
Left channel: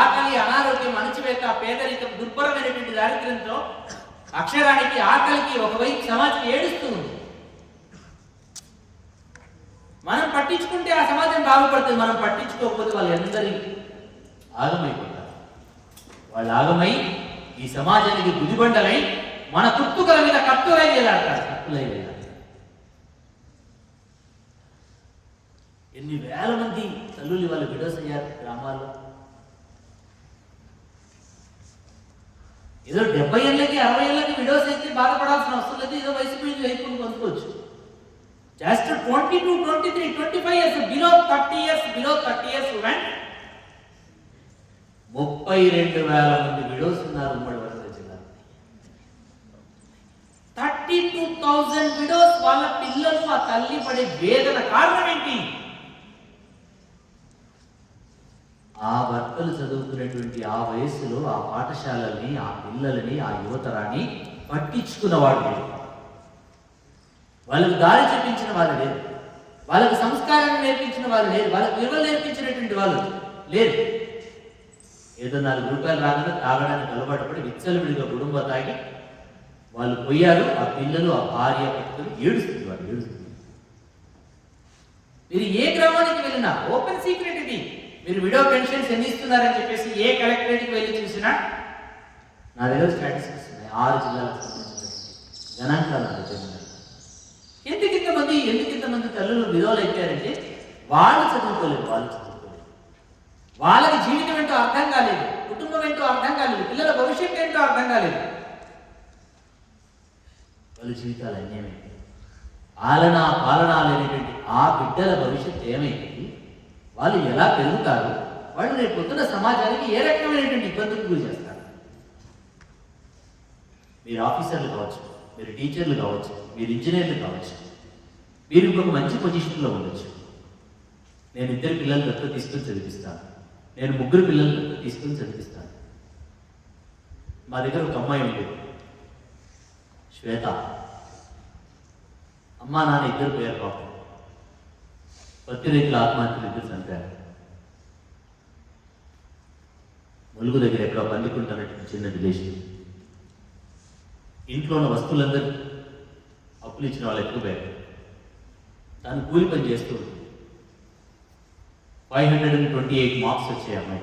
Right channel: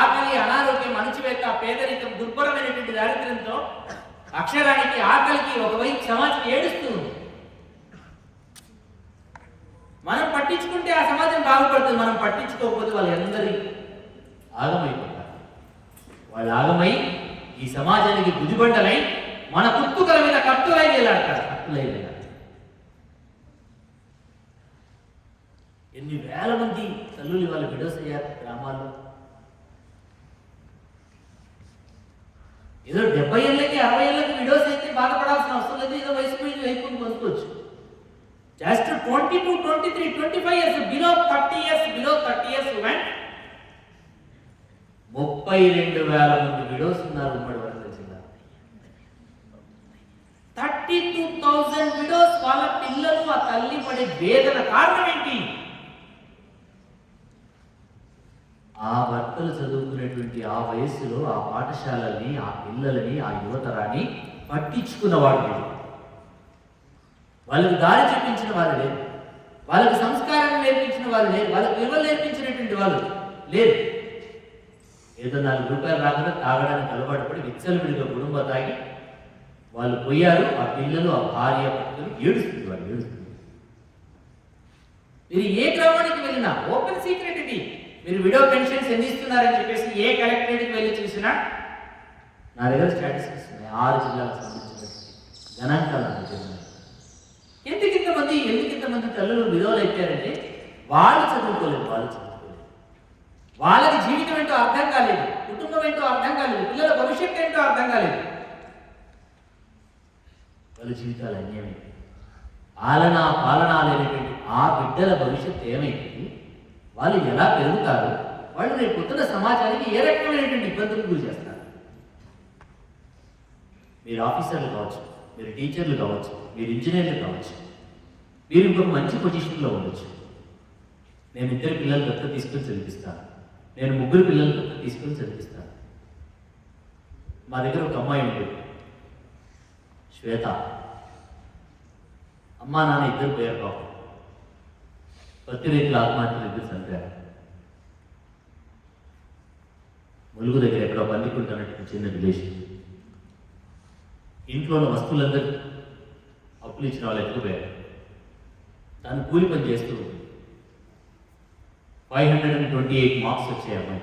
ఆకలి, అనారోగ్యం, అణచివేత, పేదరికం, దుర్భరమైనటువంటి దారిద్ర్యంతో అక్షరానికి, ఆకలికి ఒకవైపు సమాజం ఏడుస్తూ ఉంది. మనం పట్టించుకుంటే ఆ సమాజం బాగుపడుతుంది. మనం పట్టించుకోకపోతే వాళ్ళందరి ఆగమైపోతారు. వాళ్ళు ఆగమై ఈ సమాజానికి గుదిబండలై మన కుట్టుకల మీద కత్తులై వేలాడతారు. ఎన్ని వేల మంది తల్లులు వాళ్ళు విడోస్ అయ్యారు గ్రామాల్లో. ఏదో 70 ఏళ్ళకి 60 ఏళ్ళకి విడోస్ అయితే బాధపడాల్సిన అవసరం లేదు. ఏదో వయసు మీద అయిపోయి పొందుకోవచ్చు. Just 22, 23, 25 years, below 30 years went 32,000 మంది విడోస్ ఉన్నారు ఉమ్మడి వరంగల్ జిల్లా. 32,000 విడోస్. వాళ్ళ పిల్లలు, ఆ తల్లి పడే వేదన కారణం ఏంటి? ఆ భర్తలు చదువుకునేటువంటి ఆ వయస్సులో ఆ పాఠశాలని, ఆ పిల్లలని, ఆ యువతరాన్ని పట్టించుకున్నవాడు లేడు. వాళ్ళకి దారి చూపించిన వాళ్ళు లేరు. వాళ్ళకి సంస్కారాన్ని నేర్పించిన వాళ్ళు లేరు. వాళ్ళకి విలువలు నేర్పించినటువంటి వాళ్ళు లేరు. ఏదో 4 రూపాయలు రాకుండా తాగడానికి అలవాటు పడి విచ్చలవిడిగా కుటుంబ తాగి వాళ్ళు పోయారు. ఆ పిల్లలు, ఆ భార్య పట్టుకొని ఏడుస్తుంది. వాళ్ళు ఏడుస్తుంది. మీరు ఏ గ్రామానికి వెళ్ళినా ఓపెన్ సీక్రెట్ ఇది. మీరు విడో పెన్షన్స్ ఎన్ని ఇస్తున్నారని చెప్పేసి ఏ కలెక్టరేట్కి వెళ్ళి చూసినా నా దగ్గర స్టాటిస్టిక్స్ ఉన్నాయి. 6 జిల్లాలకు సంబంధించినటువంటి గణాంకాలు చెందినాయి. ఎందుకు ఇంతమంది తల్లులు విధవలు అయిపోయారంటే వాళ్ళు చదువుకోలేదు. వాళ్ళకి జీవితం ఏంటో అర్థం కాలేదు, కుటుంబం ఏంటో అర్థం కాలేదు, పిల్లల భవిష్యత్తు ఏంటో అర్థం కాలేదు. వాళ్ళ జీవితాలు అన్యాయమైంది. పాలన లేనటువంటి ఆ బిడ్డల భవిష్యత్తు ఏమైంది? వాళ్ళు ఎలా పెరుగుతారు? వాళ్ళు రేపు పొద్దున సమాజానికి ఏ రకమైనటువంటి ఇబ్బందులు గురి చేస్తారు? మీరు ఆఫీసర్లు కావచ్చు, మీరు టీచర్లు కావచ్చు, మీరు ఇంజనీర్లు కావచ్చు, మీరు ఇప్పుడు మంచి పొజిషన్లో ఉండొచ్చు. నేను 2 పిల్లలు దత్తత తీసుకొని చదివిస్తాను, నేను 3 పిల్లలు దత్తత తీసుకొని చదివిస్తాను. మా దగ్గర ఒక అమ్మాయి ఉండేది, శ్వేత. అమ్మా నాన్న ఇద్దరు పోయారు పాపం. పత్తిరేట్ల ఆత్మహత్యలు ఇద్దరు చంపారు. ములుగు దగ్గర ఎక్కడో పందికుంటున్నట్టు చిన్న విలేషన్. ఇంట్లో ఉన్న వస్తువులందరూ అప్పులు ఇచ్చిన వాళ్ళు ఎక్కువ పోయారు. తను కూలి పని చేస్తూ 528 మార్క్స్ వచ్చాయి అమ్మాయి.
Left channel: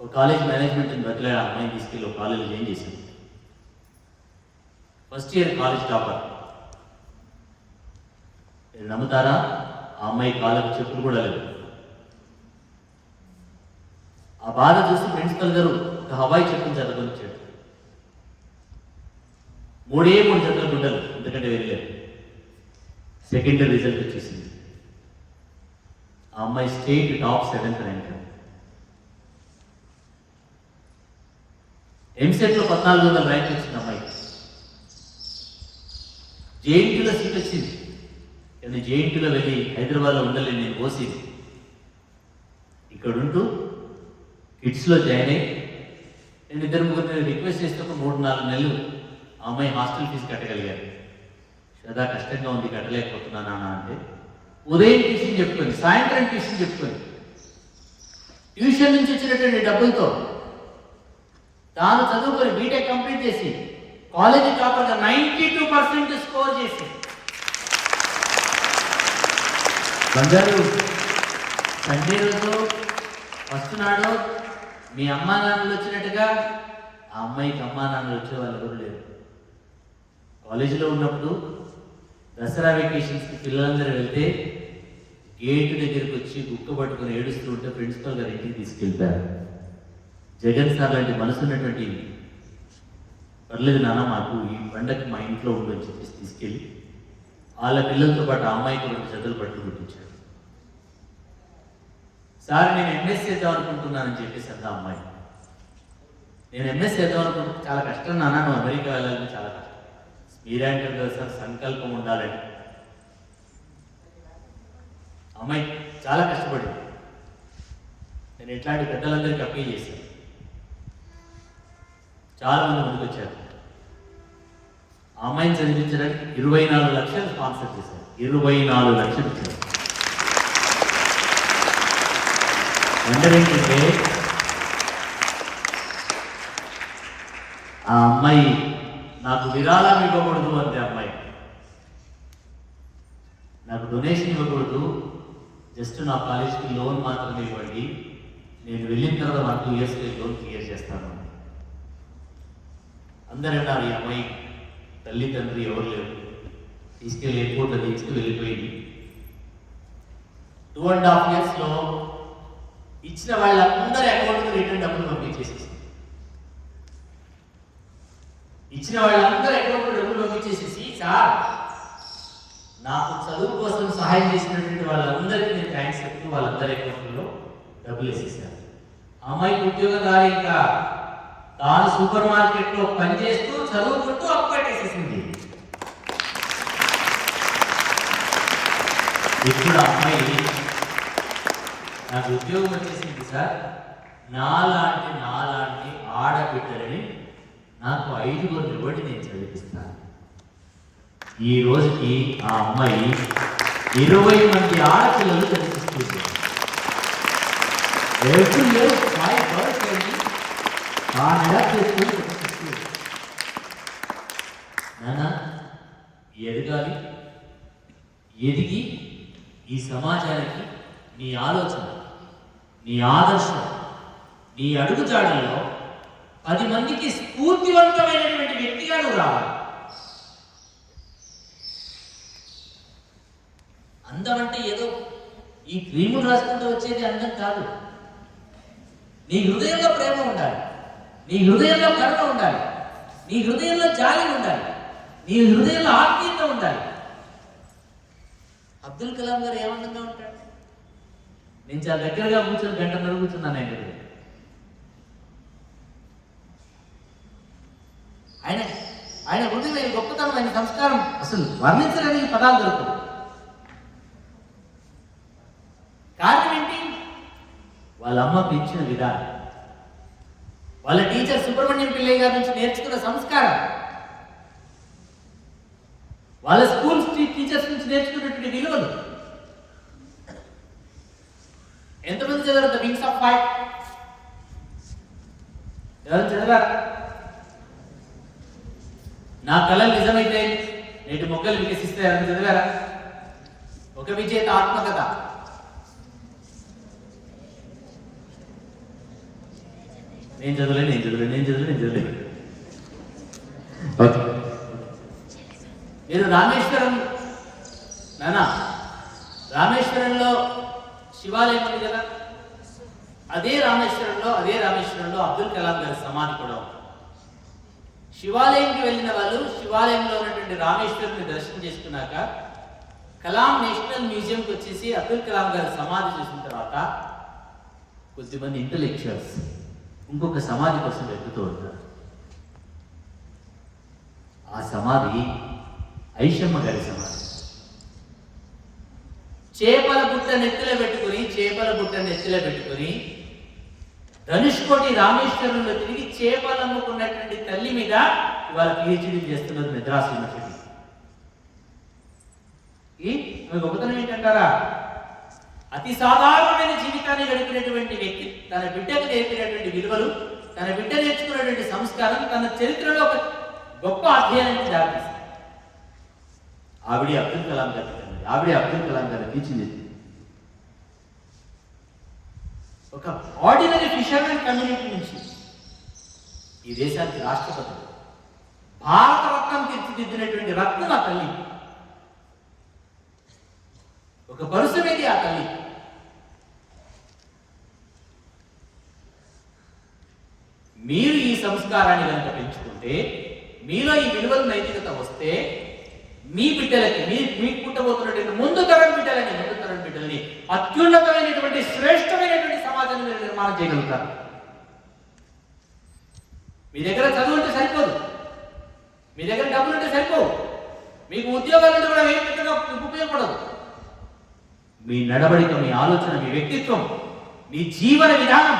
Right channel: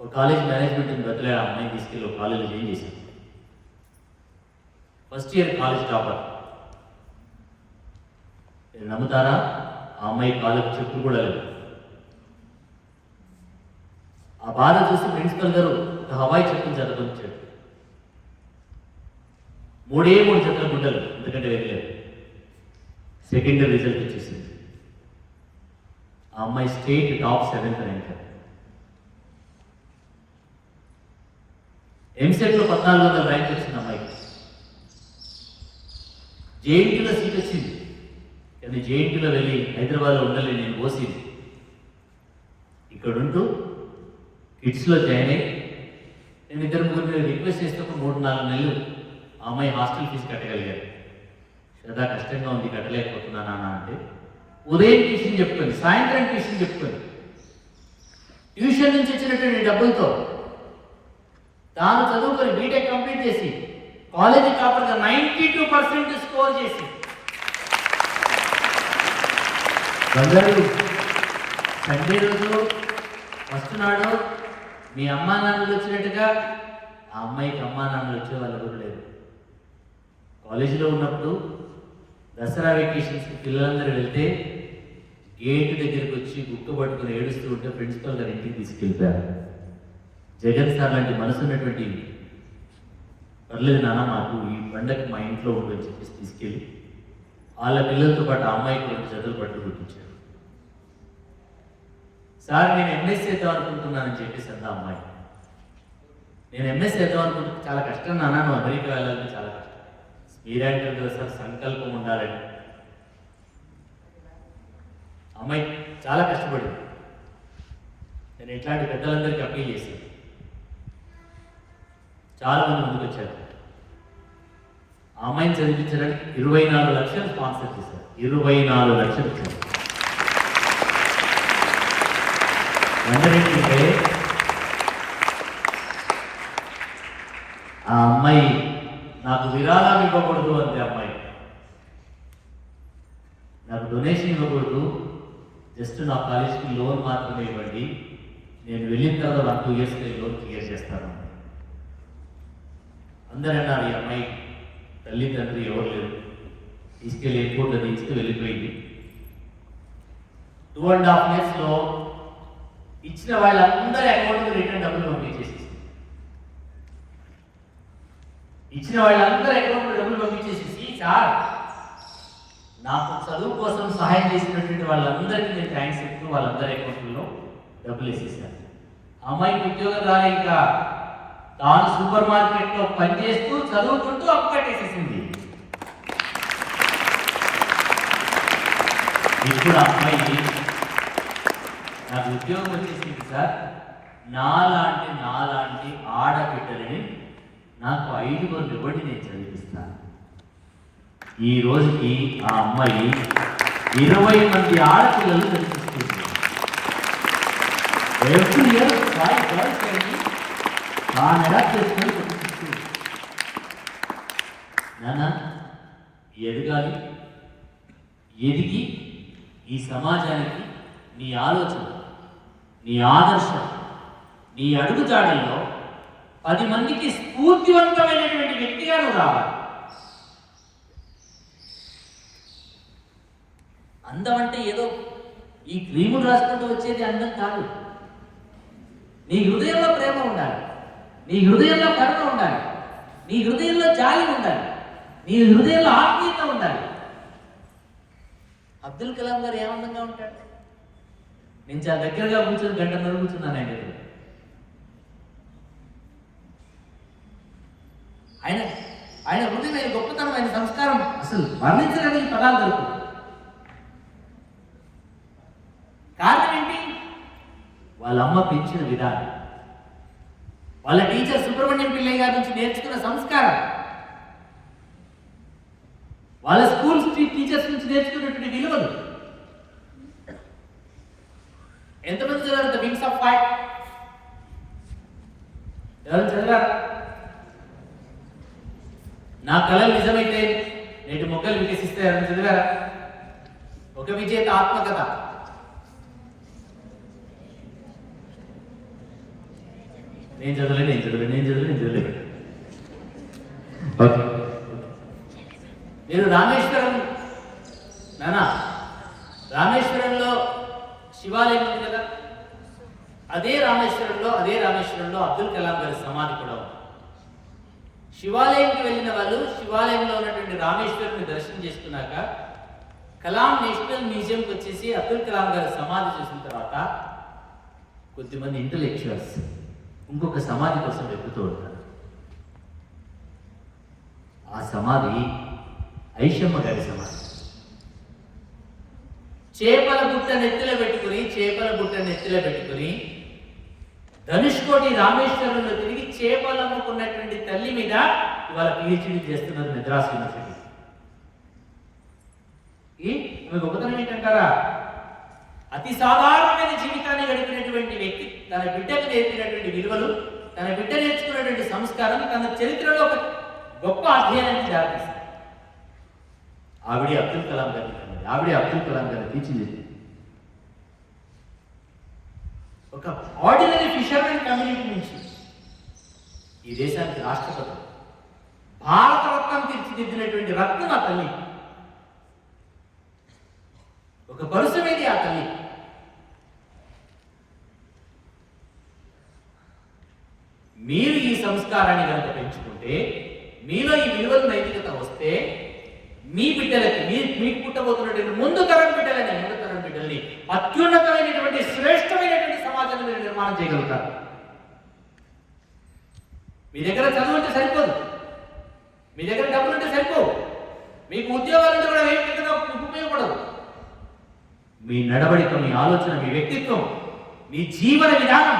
ఒక కాలేజ్ మేనేజ్మెంట్ని బదిలీ ఆ అమ్మాయిని తీసుకెళ్ళి ఒక కాలేజ్ ఏం చేశాం. First year college topper. మీరు నమ్ముతారా, ఆ అమ్మాయి కాలేజ్ చెప్పులు కూడా లేవు. ఆ బాధ చూసి ప్రిన్సిపల్ గారు ఒక హవాయి చెప్పులు చదువుకొచ్చాడు. 3 జతలు బిడ్డలు, ఎందుకంటే వెళ్ళారు. సెకండ్ రిజల్ట్ వచ్చేసింది. ఆ అమ్మాయి స్టేట్ టాప్ 7th ర్యాంక్. ఎంసెట్లో 1400 ర్యాంక్ వచ్చింది అమ్మాయికి. జేఎన్టీలో సీట్ వచ్చింది. కానీ జేఎన్టీలో వెళ్ళి హైదరాబాద్లో ఉండాలి, నేను పోసింది. ఇక్కడ ఉంటూ కిడ్స్లో జాయిన్ అయ్యి నేను 2-3 రిక్వెస్ట్ చేస్తే 3-4 నెలలు ఆ అమ్మాయి హాస్టల్ ఫీజు కట్టగలిగారు. సదా కష్టంగా ఉంది, కట్టలేకపోతున్నానా అంటే ఉదయం ట్యూషన్ చెప్పుకొని, సాయంత్రం ట్యూషన్ చెప్పుకొని, ట్యూషన్ నుంచి వచ్చినటువంటి డబ్బులతో తాను చదువుకొని బీటెక్ కంప్లీట్ చేసి కాలేజీ టాపర్గా 92% స్కోర్ చేసి బంగారు సండే రోజు ఫస్ట్ నాడు మీ అమ్మా నాన్నలు వచ్చినట్టుగా ఆ అమ్మాయికి అమ్మా నాన్నలు వచ్చే వాళ్ళు కూడా లేదు. కాలేజీలో ఉన్నప్పుడు దసరా వెకేషన్స్కి పిల్లలందరూ వెళ్తే గేటు దగ్గరికి వచ్చి గుక్క పట్టుకుని ఏడుస్తూ ఉంటే ప్రిన్సిపల్ గారు ఇంటికి తీసుకెళ్ళిపోయారు. జగన్ సార్ లాంటి మనసు ఉన్నటువంటి, పర్లేదు నాన్న మాకు ఈ పండగకి మా ఇంట్లో ఉందని చెప్పేసి తీసుకెళ్ళి వాళ్ళ పిల్లలతో పాటు ఆ అమ్మాయికి 2 జతలు పట్టు కుట్టించాడు. సార్ నేను ఎంఎస్ చేద్దాం అనుకుంటున్నానని చెప్పేసి అంత అమ్మాయి, నేను ఎంఎస్ చేద్దాం అనుకుంటే చాలా కష్టం నాన్న, నువ్వు అమెరికా వెళ్ళాలని చాలా కష్టం. మీరంటారు కదా సార్, సంకల్పం ఉండాలని. అమ్మాయి చాలా కష్టపడింది. నేను ఇట్లాంటి పెద్దలందరికీ అప్పీల్ చేశాను. చాలా మంది ముందుకు వచ్చారు. ఆ అమ్మాయిని చదివించడానికి 24 లక్షలు స్పాన్సర్ చేశారు. 24 లక్షలు. ఏంటంటే ఆ అమ్మాయి నాకు విరాళాలు ఇవ్వకూడదు అంటే, అమ్మాయి నాకు డొనేషన్ ఇవ్వకూడదు, జస్ట్ నా కాలేజీకి లోన్ మాత్రమే ఇవ్వండి, నేను వెళ్ళిన తర్వాత 1-2 ఇయర్స్కి లోన్ క్లియర్ చేస్తాను. అందరూ అన్నారు ఈ అమ్మాయి తల్లిదండ్రులు ఎవరు లేరు, తీసుకెళ్ళి ఎయిర్పోర్ట్ అది ఇచ్చి వెళ్ళిపోయింది. 2.5 ఇయర్స్లో ఇచ్చిన వాళ్ళందరి అకౌంట్కి రిటర్న్ డబ్బులు పంపించేసేసి, ఇచ్చిన వాళ్ళందరూ అకౌంట్కి డబ్బులు పంపించేసేసి, సార్ నాకు చదువు కోసం సహాయం చేసినటువంటి వాళ్ళందరికీ నేను థ్యాంక్స్ చెప్తూ వాళ్ళందరి అకౌంట్లో డబ్బులు వేసేసాను. అమ్మాయికి ఉద్యోగం రాలే, ఇంకా తాను సూపర్ మార్కెట్లో పనిచేస్తూ చదువుకుంటూ అప్పు కట్టేసేసింది. ఇప్పుడు అమ్మాయి నాకు ఉద్యోగం వచ్చేసింది సార్, నాలాంటి ఆడబిడ్డలని నాకు 5 ఇవ్వండి, నేను చదివిస్తాను. ఈ రోజుకి ఆ అమ్మాయి 20 మంది ఆడపిల్లలు చదివిస్తుంది. నాన్న ఎదగాలి, ఎదిగి ఈ సమాజానికి నీ ఆలోచన, నీ ఆదర్శం, నీ అడుగుజాడల్లో 10 మందికి స్ఫూర్తివంతమైనటువంటి వ్యక్తిగా రావాలి. అందం అంటే ఏదో ఈ క్రీములు రాసుకుంటూ వచ్చేది అందం కాదు. నీ హృదయంలో ప్రేమ ఉండాలి, నీ హృదయంలో కరుణ ఉండాలి, నీ హృదయంలో జాలి ఉండాలి, నీ హృదయంలో ఆత్మీయత ఉండాలి. అబ్దుల్ కలాం గారు ఏమందంగా ఉంటాడు. నేను చాలా దగ్గరగా కూర్చొని 1 గంటన్నర కూర్చున్నాను ఆయన దగ్గర. ఆయన హృదయ గొప్పతనం, ఆయన సంస్కారం అసలు వర్ణించలేని పదాలు దొరుకుతుంది. కారణం ఏంటి? వాళ్ళ అమ్మ పెంచిన విధానం, వాళ్ళ టీచర్ సుబ్రహ్మణ్యం పిల్లయ్య గారి నుంచి నేర్చుకున్న సంస్కారం. వాళ్ళ స్కూల్ టీచర్స్ నుంచి నేర్చుకున్నటువంటి విలువలు. ఎంతమంది చదివారు ద వింగ్స్ ఆఫ్ ఫైర్? ఎవరు చదివారు? నా కళలు నిజమైతే నేటి మొక్కలు వికసిస్తాయి ఎవరు చదివారా? ఒక విజేత ఆత్మకథ. నేను చదవలే. ఓకే, మీరు రామేశ్వరం రామేశ్వరంలో శివాలయం ఉంది కదా, అదే రామేశ్వరంలో అబ్దుల్ కలాం గారి సమాధి కూడా ఉంది. శివాలయంకి వెళ్ళిన వాళ్ళు శివాలయంలో ఉన్నటువంటి రామేశ్వరుని దర్శనం చేసుకున్నాక కలాం నేషనల్ మ్యూజియంకి వచ్చేసి అబ్దుల్ కలాం గారి సమాధి చూసిన తర్వాత కొద్దిమంది ఇంటలెక్చువల్స్ ఇంకొక సమాధి కోసం వెతుకుతూ ఉంటారు. ఆ సమాధి ఐషమ్మ గారి సమాధి. చేపల బుట్ట నెత్తిలో పెట్టుకుని ధనుష్కోటి రామేశ్వరంలో తిరిగి చేపలు అమ్ముకున్నటువంటి తల్లి మీద ఇవాళ పిహెచ్డీ చేస్తున్నారు మద్రాసు యూనివర్సిటీ. ఆమె గొప్పతనం ఏంటంటారా? అతి సాధారణమైన జీవితాన్ని గడిపినటువంటి వ్యక్తి తన బిడ్డకు నేర్పినటువంటి విలువలు, తన బిడ్డ నేర్చుకున్నటువంటి సంస్కారం తన చరిత్రలో ఒక గొప్ప అధ్యయనానికి దారితీస్తుంది. ఆవిడే అబ్దుల్ కలాం గారిని తీర్చిదిద్దింది. ఒక ఆర్డినరీ ఫిషర్మెన్ కమ్యూనిటీ నుంచి ఈ దేశానికి రాష్ట్రపతి, భారతరత్నం తీర్చిదిద్దినటువంటి రత్నం ఆ తల్లి. ఒక పరుసమేది ఆ తల్లి. మీరు ఈ సంస్కారాన్ని కనుక పెంచుకుంటే, మీలో ఈ విలువలు నైతికత వస్తే, మీ బిడ్డలకి మీకు పుట్టబోతున్నటువంటి ముందు తరం బిడ్డల్ని అత్యున్నతమైనటువంటి శ్రేష్టమైనటువంటి సమాజాన్ని మీరు నిర్మాణం చేయగలుగుతారు. మీ దగ్గర చదువు ఉంటే సరిపోదు, మీ దగ్గర డబ్బులు ఉంటే సరిపోవు, మీకు ఉద్యోగాలు ఉంటే కూడా ఏం పెద్దగా ఉపయోగపడదు. మీ నడవడిక, మీ ఆలోచన, మీ వ్యక్తిత్వం, మీ జీవన విధానం,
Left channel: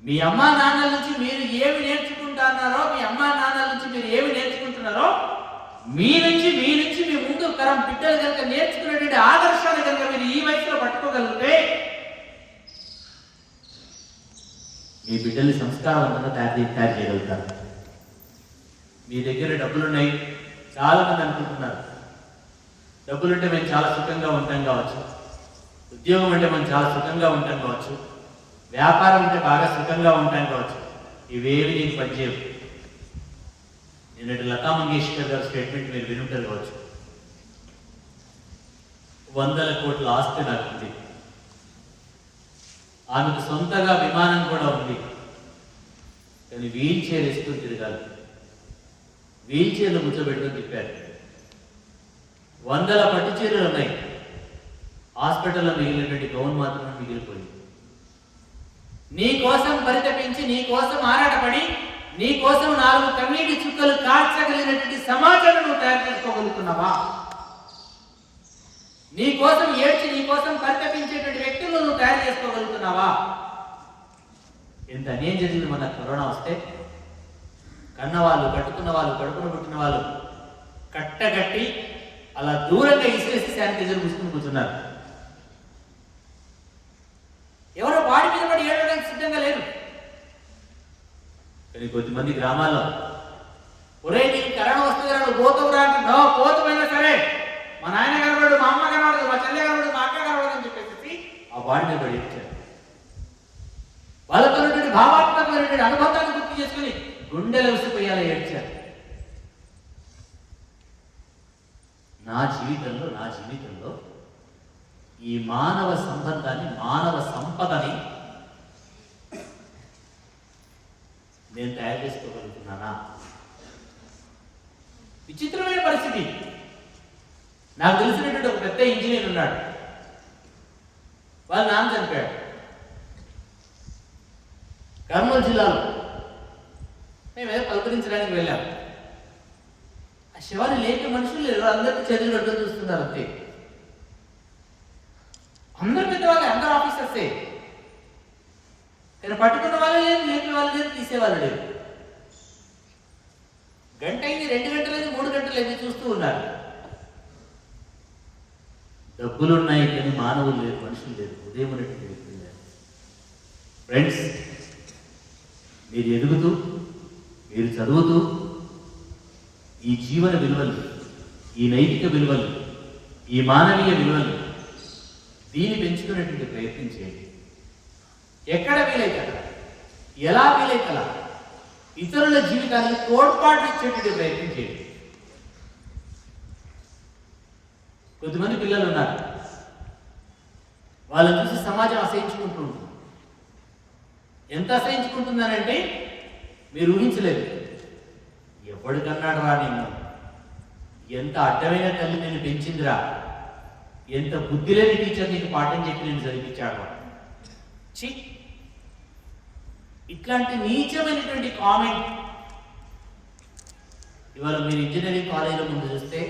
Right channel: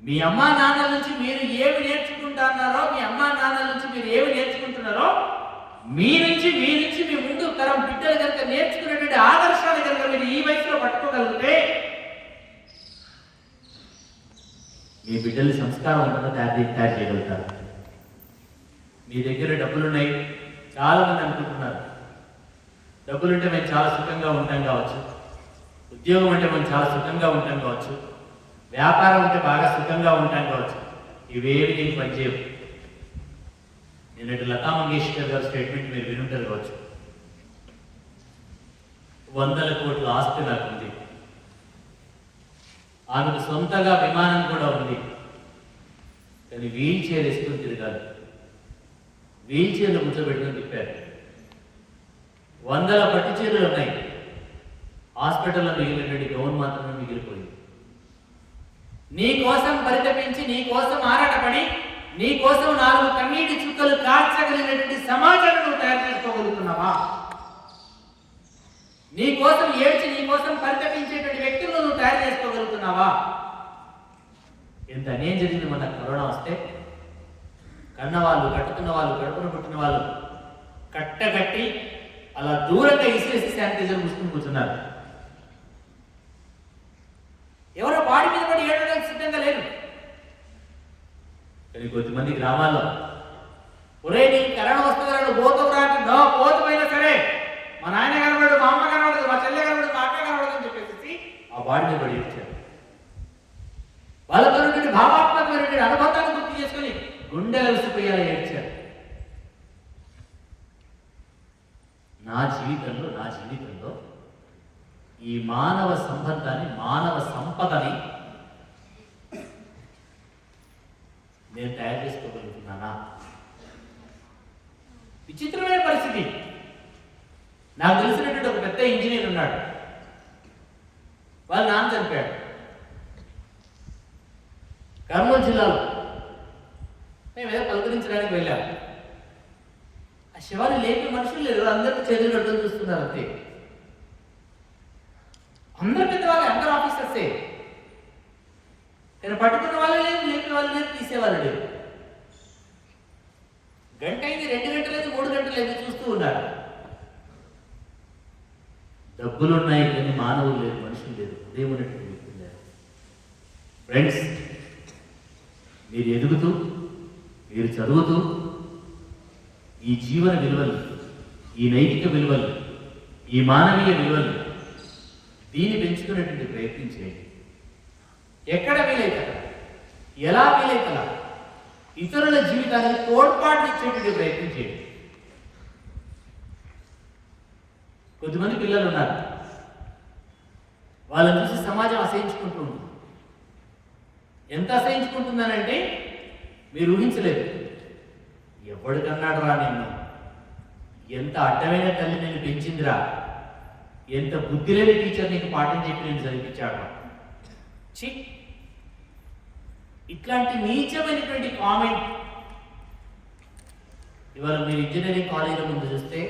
మీ అమ్మా నాన్నల నుంచి మీరు ఏమి నేర్చుకుంటున్నారో, మీ అమ్మా నాన్నల నుంచి మీరు ఏమి నేర్చుకుంటున్నారో, మీ నుంచి మీ ముందు తరం బిడ్డలు కనుక నేర్చుకునేటువంటి ఆదర్శాలు కనుక మీరు ఈ వయసులో పట్టుకోగలిగితే మీ బిడ్డల్ని సంస్కారవంతంగా తయారు చేయగలుగుతారు. మీ దగ్గర డబ్బులున్నాయి, చాలా మంది అనుకుంటున్నారు డబ్బులుంటే మేము చాలా సుఖంగా ఉంటాం కావచ్చు, ఉద్యోగం అంటే మేము చాలా సుఖంగా ఉంటాం కావచ్చు, వ్యాపారం ఉంటే బాగా సుఖంగా ఉంటాం కావచ్చు. ఇవేవి నీకు పనిచేయవు. నిన్నటి లతా మంగేష్కర్ గారి స్టేట్మెంట్ మీరు వినుంటారు కావచ్చు. 100 కోట్ల ఆస్తి నాకుంది, ఆమెకు సొంతగా విమానం కూడా ఉంది, కానీ వీల్ చైర్ వేసుకుని తిరగాలి, వీల్ చైర్లు కూర్చోబెట్టుకుని తిప్పారు. 100 పట్టు చీరలు ఉన్నాయి, హాస్పిటల్లో మిగిలినటువంటి గౌన్ మాత్రమే మిగిలిపోయింది. నీ కోసం పరితపించి, నీ కోసం ఆరాటపడి, నీ కోసం 4 కన్నీటి చుక్కలు కార్చగలిగినటువంటి సమాజాన్ని నువ్వు తయారు చేసుకోగలుగుతున్నావా? నీ కోసం ఏడ్చి, నీ కోసం పరితపించేటువంటి వ్యక్తులను నువ్వు తయారు చేసుకోగలుగుతున్నావా? ఎంత అన్యాయం జరిగింది మన కరోనా వస్తే. కన్నవాళ్ళు, కట్టుకున్న వాళ్ళు, కడుపును పుట్టిన వాళ్ళు కట్టగట్టి అలా దూరంగా ఇసిరేసి శానిటైజర్ మూసుకుని కూర్చున్నారు. ఎవరో బాడీ మీద పడి ఏడవడానికి సిద్ధంగా లేరు. కానీ కొద్దిమంది గ్రామాల్లో ఒరే నీకు కరోనా వస్తుంది రాడు, పోతవురా అంటే పోతమైనా సరే మా నాయన కనబడు, మా అమ్మ కనబడదు, మా చెల్లె కనబడదు, మా అక్క కనబడదు అని చెప్పేసి ఆ బాడీ మీద పడి ఏడ్చారు. వాళ్ళతో భావాత్మకమైనటువంటి అనుబంధాన్ని గుర్తు చేసుకుని గుండెలు అలసిపోయేలా ఏడ్చారు. నా జీవితంలో ఈ మానవ సంబంధాన్ని, మానవ సంపదని నేను తయారు చేసుకోగలుగుతున్నానా? విచిత్రమైన పరిస్థితి. నాకు తెలిసినటువంటి ఒక పెద్ద ఇంజనీర్ ఉన్నాడు, వాళ్ళ నాన్న చనిపోయాడు కర్నూలు జిల్లాలో. మేము ఏదో పలకరించడానికి వెళ్ళాం. ఆ శివాన్ని లేపే మనుషులు లేరు, అందరికీ చేతులు అడ్డం చూస్తున్నారు అంతే. అందరు పెద్దవాళ్ళే, అందరు ఆఫీసర్సే, కానీ పట్టుకున్న వాళ్ళే లేదు, లేపే వాళ్ళు లేదు, తీసేవాళ్ళు లేదు. గంట అయింది, 2 గంటలైంది, 3 గంటలైంది చూస్తూ ఉన్నారు. డబ్బులున్నాయి కానీ మానవులు లేదు, మనుషులు లేదు. ఉదయం ఉన్నటువంటి వ్యక్తులు లేదు. ఫ్రెండ్స్, మీరు ఎదుగుతూ, మీరు చదువుతూ ఈ జీవన విలువలు, ఈ నైతిక విలువలు, ఈ మానవీయ విలువలు దీన్ని పెంచుకునేటువంటి ప్రయత్నం చేయండి. ఎక్కడ వీలైతే అక్కడ, ఎలా వీలైతే అలా ఇతరుల జీవితానికి తోడ్పాటు ఇచ్చేటువంటి ప్రయత్నం చేయండి. కొద్దిమంది పిల్లలు ఉన్నారు, వాళ్ళని చూసి సమాజం అసహించుకుంటూ ఉంటుంది. ఎంత అసహించుకుంటుందనంటే మీరు ఊహించలేదు. ఎవడికన్నాడు రా నిన్ను, ఎంత అడ్డమైన తల్లి నేను పెంచిందిరా, ఎంత బుద్ధి లేని టీచర్ నీకు పాఠం చెప్పి నేను చదివించాడు. చి, ఇట్లాంటి నీచమైనటువంటి కామెంట్ ఇవాళ మీరు ఇంజనీరింగ్ కాలేజీల ముందు చూస్తే,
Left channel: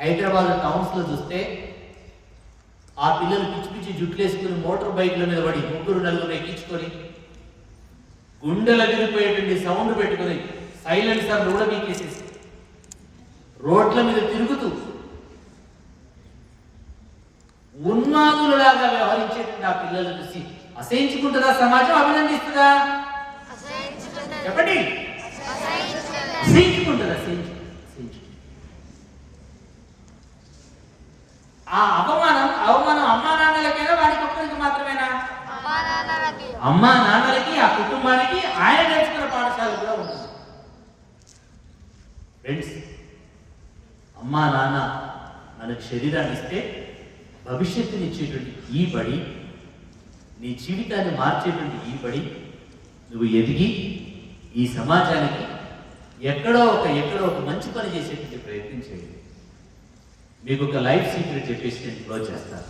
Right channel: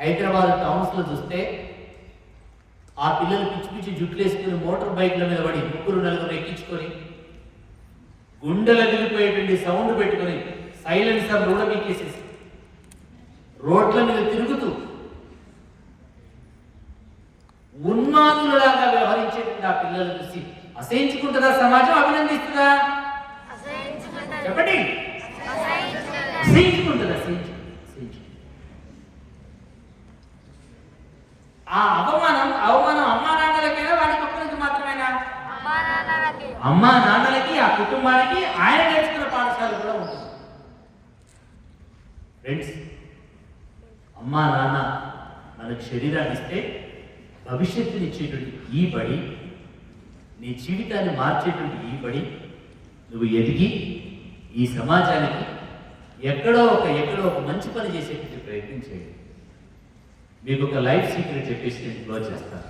హైదరాబాద్ టౌన్స్లో చూస్తే ఆ పిల్లలు పిచ్చి పిచ్చి జుట్లు వేసుకొని మోటార్ బైక్ల మీద పడి 3-4 ఎక్కించుకొని గుండెల విరిపోయేటువంటి సౌండ్ పెట్టుకొని సైలెన్సర్ కూడా మీకేసేసి రోడ్ల మీద తిరుగుతూ ఉన్మాదులలాగా వ్యవహరించేటువంటి ఆ పిల్లలు చూసి అసహించుకుంటుందా సమాజం, అభినందిస్తుందా? చెప్పండి. అసహించుకుంటుందా? ఆ అవమానం అమ్మా నాన్నలకైనా వాడి ఒక్కరికి మాత్రమేనా? అమ్మా నాన్నలకి, ఆ కుటుంబానికి, ఆయన నేర్చుకున్న పాఠశాల కూడా ఉంటుంది. ఫ్రెండ్స్, అమ్మా నాన్న మనకు శరీరాన్ని ఇస్తే భవిష్యత్తుని ఇచ్చేటువంటి ఈ బడి, నీ జీవితాన్ని మార్చేటువంటి ఈ బడి, నువ్వు ఎదిగి ఈ సమాజానికి ఎక్కడో ఒక మంచి పని చేసేటువంటి ప్రయత్నం చేయండి. మీకు ఒక లైఫ్ సీక్రెట్ చెప్పేసి నేను క్లోజ్ చేస్తాను.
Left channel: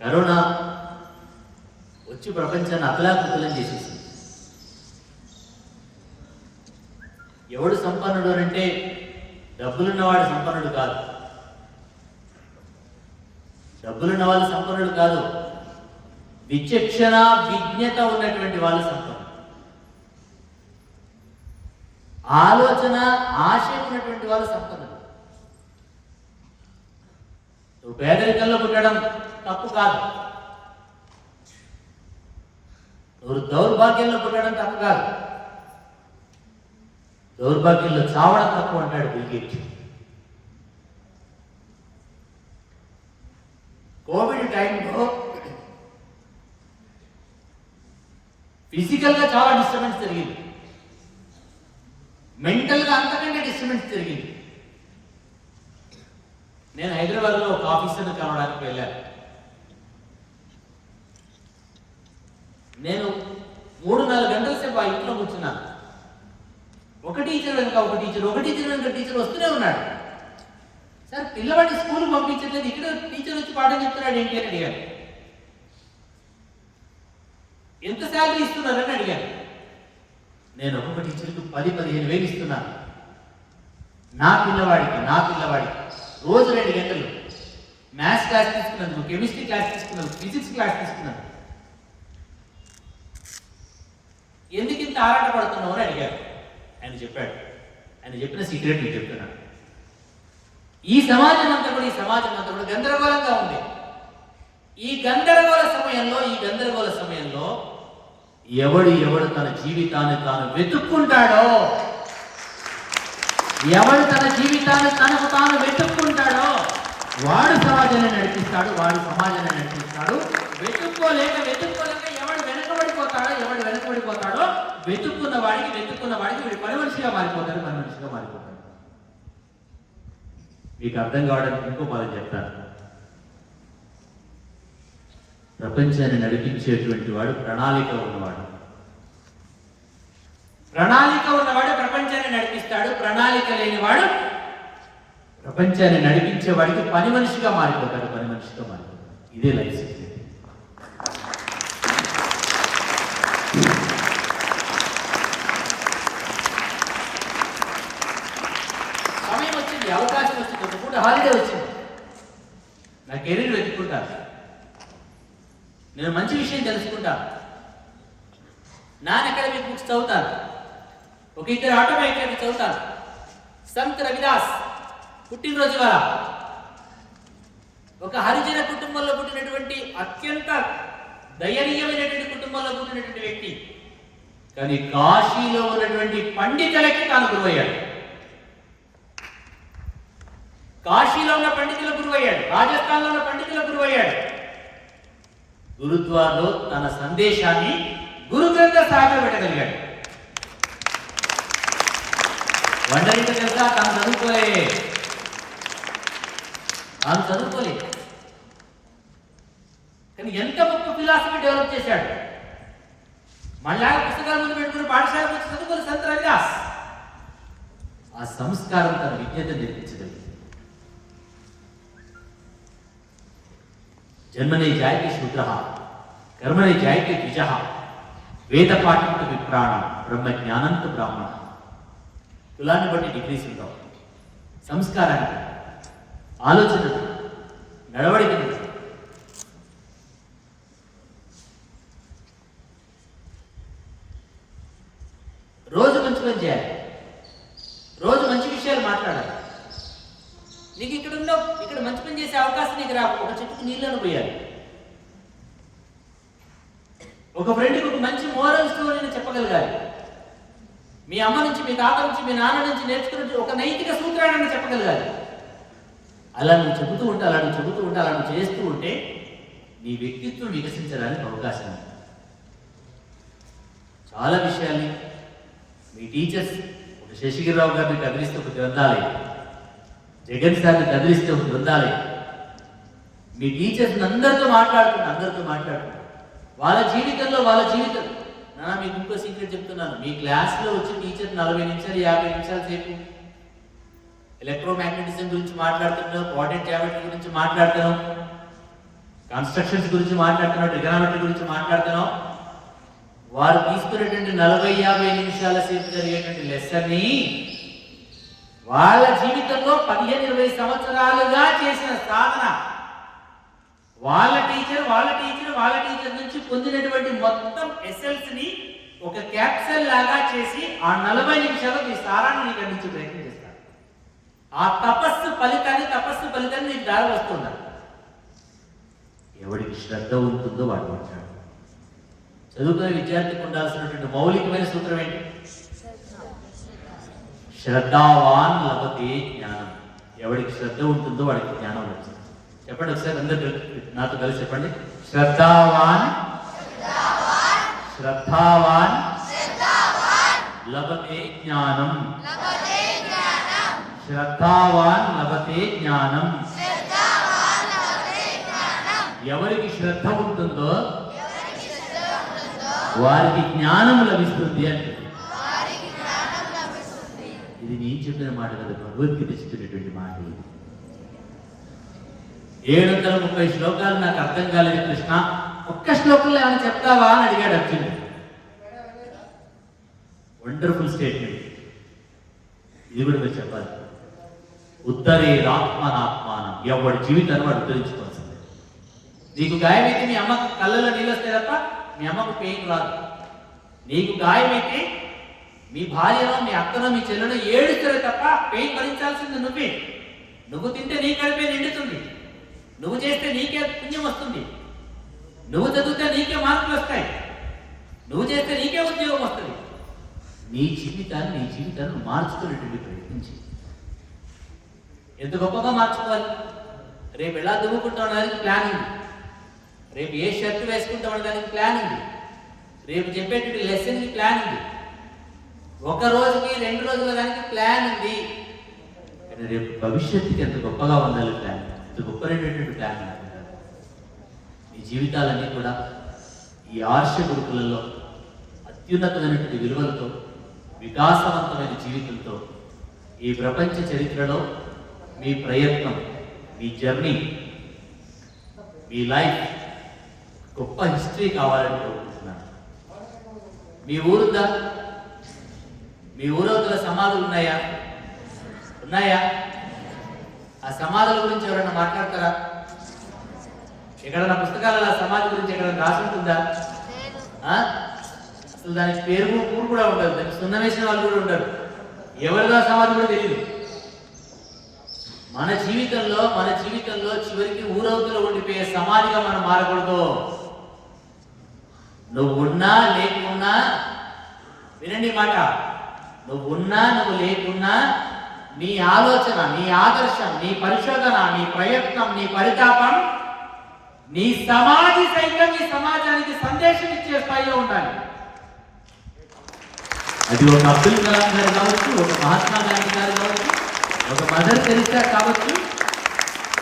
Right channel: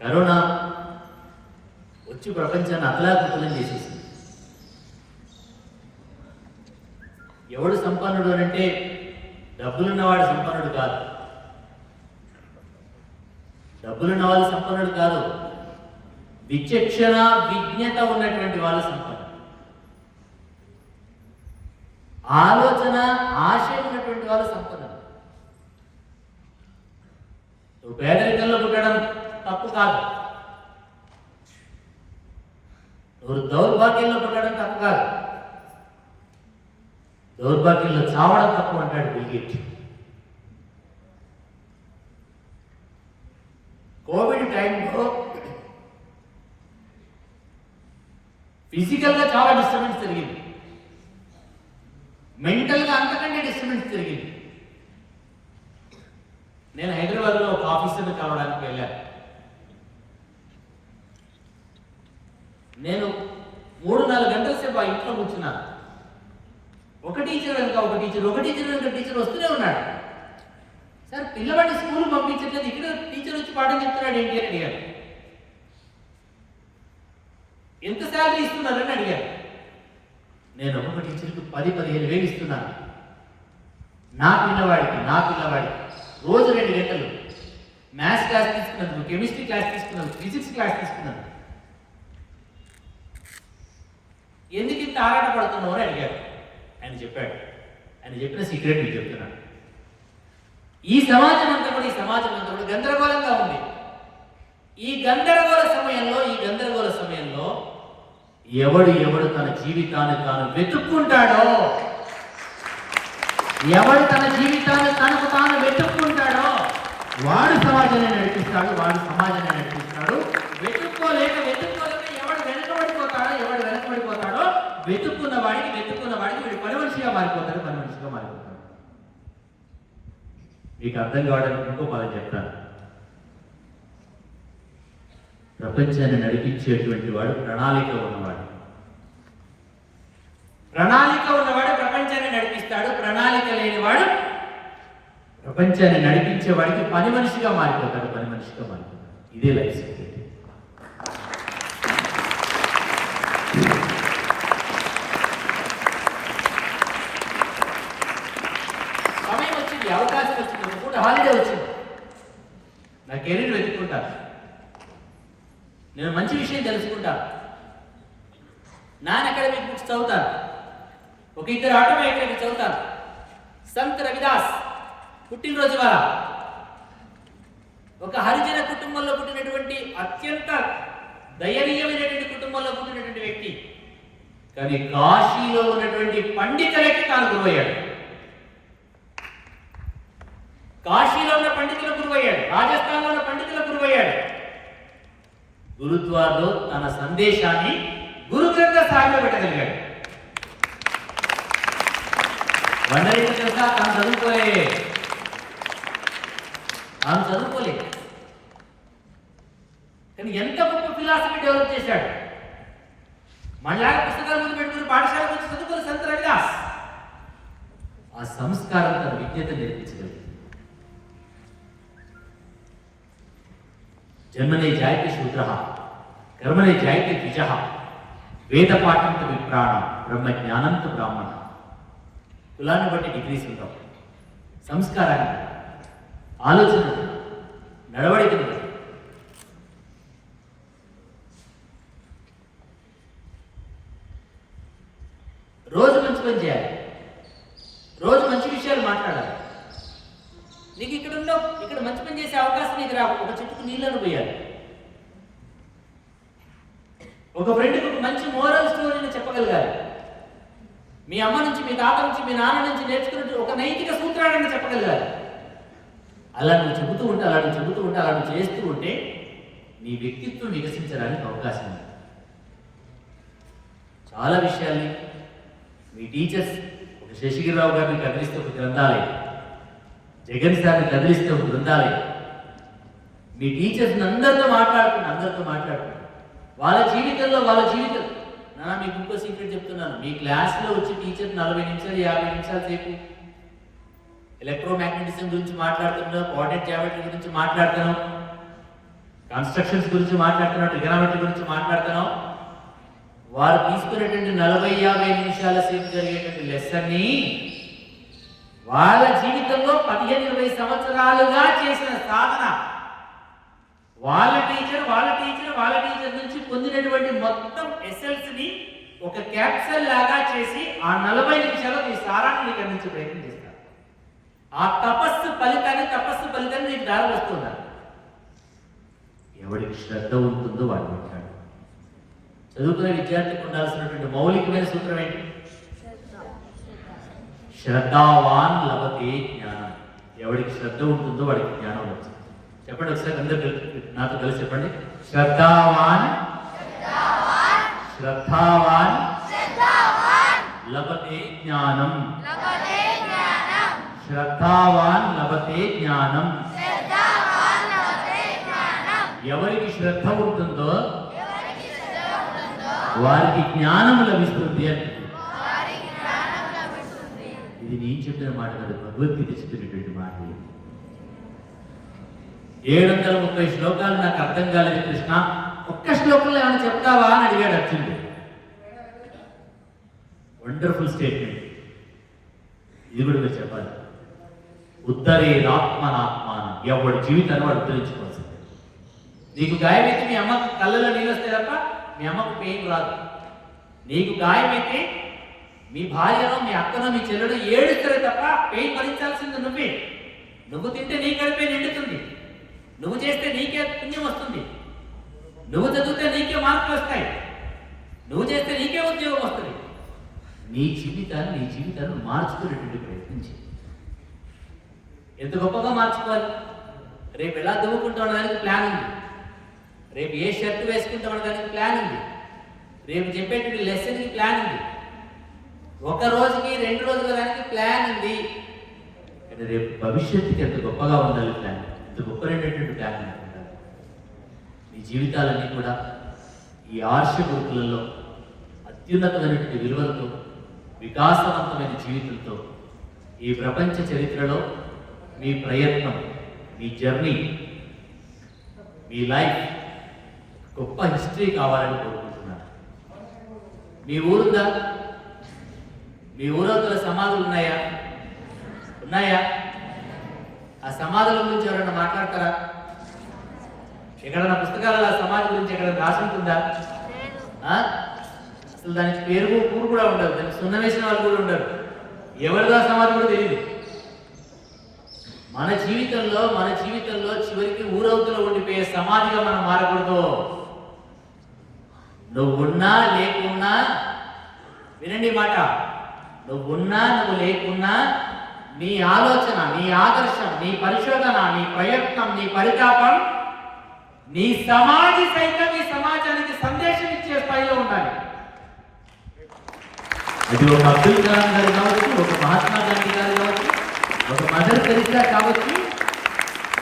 కరోనా వచ్చి ప్రపంచాన్ని అతలాకుతలం చేసేసింది. ఎవడు సంపన్నుడు అంటే డబ్బులున్నవాడు సంపన్నుడు కాదు, డబ్బులున్న వాళ్ళు సంపన్నుడు కాదు, విచక్షణ విజ్ఞత ఉన్నటువంటి వాళ్ళు సంపన్నుడు. ఆలోచన ఆశయం ఉన్నటువంటి వాళ్ళు సంపన్నుడు. నువ్వు పేదరికంలో పుట్టడం తప్పు కాదు, నువ్వు దౌర్భాగ్యంలో పుట్టడం తప్పు కాదు, దౌర్భాగ్యంలో చావడం తప్పు అంటాడు బిల్ గేట్స్. కోవిడ్ టైంలో ఫిజికల్గా చాలా డిస్టర్బెన్స్ జరిగింది, మెంటల్గా అంతకంటే డిస్టర్బెన్స్ జరిగింది. నేను హైదరాబాద్లో ఒక ఆఫీసర్ని కలవడానికి వెళ్ళాను. నేను 3-4 గంటల సేపు ఆ ఇంట్లో కూర్చున్నాను. ఒక టీచర్ వెనుక ఒక టీచర్ వస్తూనే ఉన్నాడు. సార్, పిల్లవాడిని స్కూల్ పంపించట్లేదు, ఇక్కడ టీచర్ వచ్చి పాఠం చెప్తున్నాడు ఏంటి అని అడిగాను. ఎంత శాలరీ ఇస్తున్నారని అడిగాను. నేను ఒక్కొక్క టీచర్కి 10-15 వేలు ఇస్తున్నాను. నా పిల్లవాడికి రోజు 2 గంటలు మ్యాథ్స్ క్లాస్ తీసుకున్నాను, కెమిస్ట్రీ క్లాస్ తీసుకున్నాను, ఫిజిక్స్ క్లాస్ తీసుకున్నాను. ఎందుకు ఇంత ఆరాట పడుతున్నావు అని అడిగారు. ఆయన చెప్పాడు. ఆయన చెప్పిన సీక్రెట్ మీకు చెప్తున్నాను. ఈ సమాజం అంతా కూడా గందరగోళంగా ఉంది. ఈ గందరగోళ సమయంలో ఎవడు తన జీవితాన్ని తాను వెతుక్కుంటాడో, ఎవడు తన జీవితాన్ని తనకు తాను వెతుక్కుంటాడో వాడు సమాజాన్ని నడిపిస్తాడు, వెతుక్కోలేక ఎవడు వెనకబడిపోతాడో వెతుక్కున్న వాడికి వీడు పని మనిషిగా మారిపోతాడు. మీకు అర్థం కావడానికి ఇంకో పదం చెప్తాను. ప్రపంచాన్ని నడిపించేటువంటి వాడు ప్రణాళిక ఉన్నవాడు ప్రపంచాన్ని నడిపిస్తాడు. ప్రణాళిక లేనివాడు ప్రపంచాన్ని నడిపించేవాడికి పని మనిషిగా మారిపోతాడు. ఇదే లైఫ్ సీక్రెట్. సమయం వచ్చింది, అవకాశం వచ్చింది, ఒక పూట హాలిడే వచ్చింది. నా కెరీర్ వెతుక్కుంటాను, నేను మంచి విషయం తెలుసుకుంటాను, నాన్ అకాడమిక్ బుక్స్ చదువుతాను, ఒక ఇద్దరు ఆటోమేటెడ్ చదువుతాను. సంత్ రవిదాస్ పుట్టినరోజు వల్ల ఒక హరిజన కుటుంబంలో పుట్టినటువంటి అత్యంత దయనీయమైనటువంటి కుటుంబంలో పుట్టినటువంటి వ్యక్తి, కానీ కాశీలో ఉన్నటువంటి పండితులకి తాను గురువయ్యాడు. కాశీలో ఉన్న పండితులకు గురువయ్యాడు, రాజస్థాన్లో ఉన్న పండితులకు గురువయ్యాడు. గురుద్వార్లో తన సందేశాన్ని గురు గ్రంథ సాహిబ్లో పెట్టగలిగాడు. వండరిక తెలుసా, తాను చదువుకోలే, కానీ ఎంత గొప్ప ఫిలాసఫీ డెవలప్ చేశాడు. మళ్ళా పుస్తకాల ముందు పెట్టుకుని పాఠశాలకు వచ్చి చదువుకోలే సంత్ రవిదాస్. ఆ సంస్కారం తన విజ్ఞత నేర్పించగలిగింది. జన్మనే జాయతే శూద్ర, కర్మనే జాయతే ద్విజ, వేద పాఠంతో విప్రాణం, బ్రహ్మ జ్ఞానంతో బ్రాహ్మణ. కులాన్ని బట్టి డిగ్రీస్ ఉంటాం, సంస్కారాన్ని బట్టి, ఆలోచన, నడవడికను బట్టి. రోజు మంచి పని చేయాలి, రోజు మంచి విషయాలు మాట్లాడాలి. నీకు ఇక్కడ మంచి పని చేసే అవకాశం నీకు రా. ఒక చెట్టుకు నీళ్ళను పోయాలి. ఒక ఫ్రెండ్కి ఒక మంచి మోరల్ స్టోరీని చెప్పగలగాలి. మీ అమ్మ నుంచి, మీ తాత నుంచి, మీ నాన్న నుంచి నేర్చుకున్నట్టు ఒక నైతిక సూత్రాన్ని చెప్పగలగాలి. అలా నువ్వు చెబుతూ చేస్తూ ఉంటే నీ వ్యక్తిత్వం వికసించడానికి అవకాశం ఉంది. చాలా విషయాల్ని మీ టీచర్స్, ఒక శశిగిరిరావు గారిని కదిలిస్తే ఒక గ్రంథాలయం, జగన్ సార్ని కదిలిస్తే ఒక గ్రంథాలయం. మీ టీచర్స్ అందరితో మాట్లాడుతున్నారు. వాళ్ళ జీవితం నాన్న మీకు ఇంకో సీక్రెట్ చెప్తున్నాను. మీ క్లాస్లో వచ్చి టీచర్ 40 నిమిషాలు 50 నిమిషాల సేపు ఎలక్ట్రోమాగ్నెటిజం గురించి మాట్లాడుతున్నావు, కోఆర్డినేట్ జామెట్రీ గురించి మాట్లాడుతున్నావు, కన్స్ట్రక్షన్స్ గురించి మాట్లాడుతున్నావు, ట్రిగనోమెట్రీ గురించి మాట్లాడుతున్నావు. వారు తీసుకునేటువంటి 40-50 నిమిషాల సేపు జరిగేటువంటి లెసన్ని వాళ్ళ జీవితంలో 15-20 సంవత్సరాలుగా చేసిన సాధన, వాళ్ళ టీచర్ నుంచి పొందినటువంటి మొత్తం ఎస్ఎల్స్ని ఒక క్యాప్సల్ లాగా చేసి ఆ 40 నిమిషాల్లో ఈ సారాన్ని నీకు అందించే ప్రయత్నం చేస్తారు. ఆ తపస్సు ఫలితాన్ని నీకు దారి వస్తున్నారు. ఎవరికి శ్రద్ధ ఉంటుందో వాడు మాట్లాడు. చదువుకునే విద్యార్థికి ఉండాల్సినటువంటి మౌలికమైన సూత్రం ఏంటి? శ్రద్ధావాన్ లభతే జ్ఞానం. ఎవరికి శ్రద్ధ ఉంటుందో వాడికి జ్ఞానం వస్తుంది. చెప్పండి ఒకసారి, అందరూ నాతో కలిసి చెప్పండి. శ్రద్ధావాన్ లభతే జ్ఞానం. శ్రద్ధావాన్ లభతే జ్ఞానం. ఎవరికి శ్రద్ధ ఉంటుందో వారికి జ్ఞానం లభిస్తుంది అంటుంది. ఇది నేను చెప్పిన మాట కాదు, భగవద్గీత చెప్పినటువంటి మాట. 730 శ్లోకాలు నాకు అర్థం కాలేదు కృష్ణ, ఒక్క శ్లోకంలో ఏమైనా చెప్తావా అని అడిగాడు అర్జునుడు. Wonderful statement. ఇది కూడా మీరు చెప్పాలి. ఉత్తరే ఆత్మానం. ఎవడి జీవితాన్ని వాడు ఉద్ధరించుకోవాల్సిందే. నీకు గాయమైతే మీ అమ్మకు కళ్ళలో నీళ్ళు వస్తాయి తప్ప మీ అమ్మకు పెయిన్ రాదు. నీకు గాయమైతే మీ భార్యనో, మీ అక్కనో, మీ చెల్లెనో ఏడుస్తారు తప్ప పెయిన్ భరించాల్సింది నువ్వే. నువ్వు తింటే నీ కడిపే నిండుతుంది, నువ్వు చేస్తే నీకే పుణ్యం వస్తుంది, నువ్వు చదివితే నీకే మార్కులు వస్తాయి, నువ్వు చేస్తే నీకే ఉద్యోగం వస్తుంది. నీ జీవితాన్ని మార్చుకునేటువంటి ప్రయత్నించి ఎంత గొప్పగా మార్చుకోవాలి. రేపు ఎలా దువ్వుకుంటాం దానికి ప్లాన్ ఉంది, రేపు ఏ షర్ట్ వేసుకుంటామనే దానికి ప్లాన్ ఉంది, రేపు చెప్పేటువంటి లెసన్కి ప్లాన్ ఉంది, ఒక రోజుకి 2 రోజుల దానికి ప్లాన్ ఉంది. కానీ రేపు భవిష్యత్తుకి ఎంత గొప్పగా ఉండాలి ప్లాన్, ఎంత గొప్పమైనటువంటి ప్లాన్ ఉండాలి. మీ జీవితాలన్నీ కూడా ఈ ఆర్ష గురుకులలో అత్యున్నతమైనటువంటి విలువలతో, వికాసవంతమైన జీవితంతో ఈ ప్రపంచ చరిత్రలో మీ ప్రయత్నం, మీ జర్నీ, మీ లైఫ్ గొప్ప హిస్టరీ కావాలని కోరుకుంటున్నాను. మీ ఊరుందా? మీ ఊరవతల సమాధులు ఉన్నాయా? ఆ సమాధుల గురించి ఎవరైనా మాట్లాడతారా? ఎక్కడైనా పుస్తకాలలో ఆ సమాధి గురించి ఎక్కడైనా రాసి ఉంటుందా? అసలు దానికి ఊరు కూడా ఉండదు, దానికి సున్నం వేసిన వాళ్ళు కూడా ఉండరు, ఎవరిదో సమాధి కూడా తెలియదు. మన జీవితంలో చివరికి ఊరవతలో ఉండిపోయే సమాధిగా మనం మారకూడదు. నువ్వున్నా లేకున్నా, వినండి మాట, నువ్వున్నా నువ్వు లేకున్నా నీ ఆలోచన, నీ ఆదర్శం, నీ పరిశోధన, నీ ప్రయత్నం, నీ పరితాపం, నీ సమాధి సైతం ఈ సమాజానికి సందేశం ఇచ్చే స్థాయిలో ఉండాలి. అది ఒక అబ్దుల్ కలాం గారు కావచ్చు, ఒక మహాత్మా గాంధీ గారు కావచ్చు, ఒక మదర్ తెరిసా కావచ్చు,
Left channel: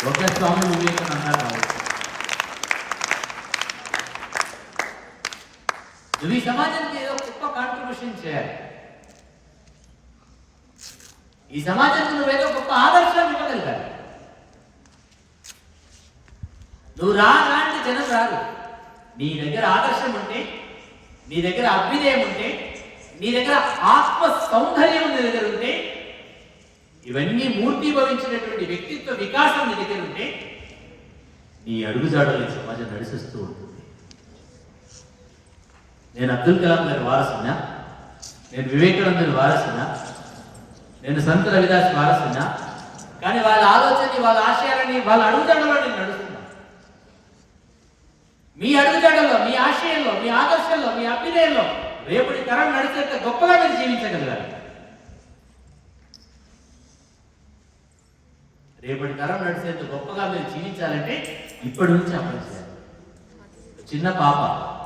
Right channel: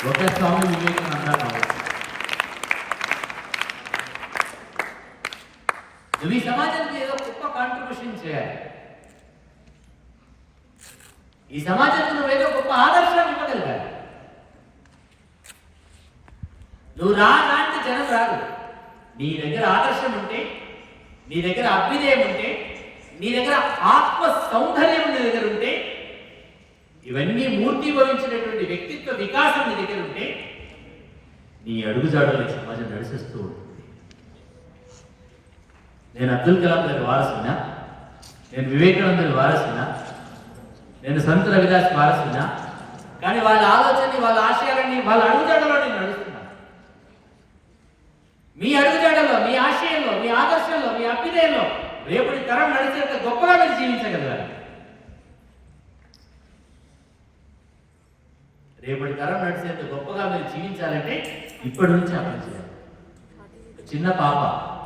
ఒక స్వామి వివేకానంద కావచ్చు. నువ్వు ఈ సమాజానికి ఏదో గొప్ప కాంట్రిబ్యూషన్ చేయాలి. ఈ సమాజానికి నువ్వేదో గొప్ప ఆదర్శాన్ని ఇవ్వగలగాలి. నువ్వు రాంటి జనం రాదు. నీ దగ్గర ఆదర్శం ఉంటే, నీ దగ్గర అభ్యుదయం ఉంటే, నీ దగ్గర ఆత్మ సౌందర్యం నీ దగ్గర ఉంటే, ఇవన్నీ మూర్తిభవించినటువంటి వ్యక్తిత్వ వికాసం నీ దగ్గర ఉంటే, నీ అడుగుజాడలు ఈ సమాజం నడిపిస్తూ ఉంటుంది. నేను అబ్దుల్ కలాం గారి వారసునా, నేను వివేకానందుని వారసునా, నేను సంత రవిదాస్ వారసునా, కానీ వాళ్ళ ఆలోచనని, వాళ్ళ ఆశయాలని, వాళ్ళ అడుగుజాడలో నేను నడుస్తున్నా. మీ అడుగుజాడల్లో, మీ ఆశయంలో, మీ ఆదర్శంలో, మీ అభ్యుదయంలో రేపటి తరం నడిచేంత గొప్పగా మీరు జీవించగలగాలి. రేపటి తరం నడిచేంత గొప్పగా మీరు జీవించాలంటే ఇప్పటి నుంచి అమలు చేయాలి. చిన్న పాప,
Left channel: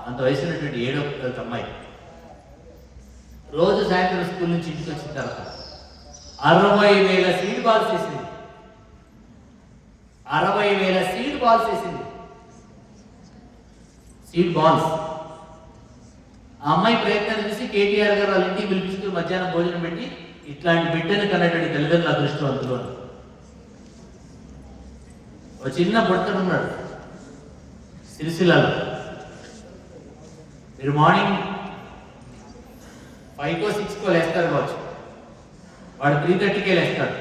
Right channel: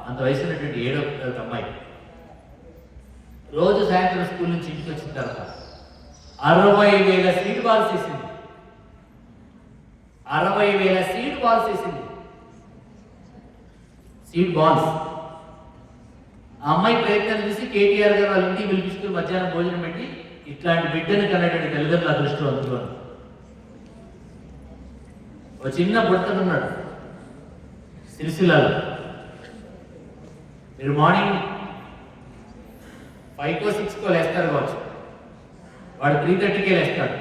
అంత వయసున్నటువంటి 7వ తరగతి అమ్మాయి, రోజు సాయంత్రం స్కూల్ నుంచి ఇంటికి వచ్చిన తర్వాత 60,000 సీడ్ బాల్స్ వేసింది. 60,000 సీడ్ బాల్స్ వేసింది. Seed balls. ఆ అమ్మాయి ప్రయత్నాలు చూసి కేటీఆర్ గారు వాళ్ళ ఇంటికి పిలిపించుకుని మధ్యాహ్నం భోజనం పెట్టి, ఇట్లాంటి బిడ్డను కన్నటువంటి తల్లిదండ్రుల అదృష్టవంతులు. ఒక చిన్న బుడతనున్నాడు సిరిసిల్లలో. మీరు మార్నింగ్ 5కో 6కో లేస్తారు కావచ్చు, వాడు 3:30కే లేస్తాడు.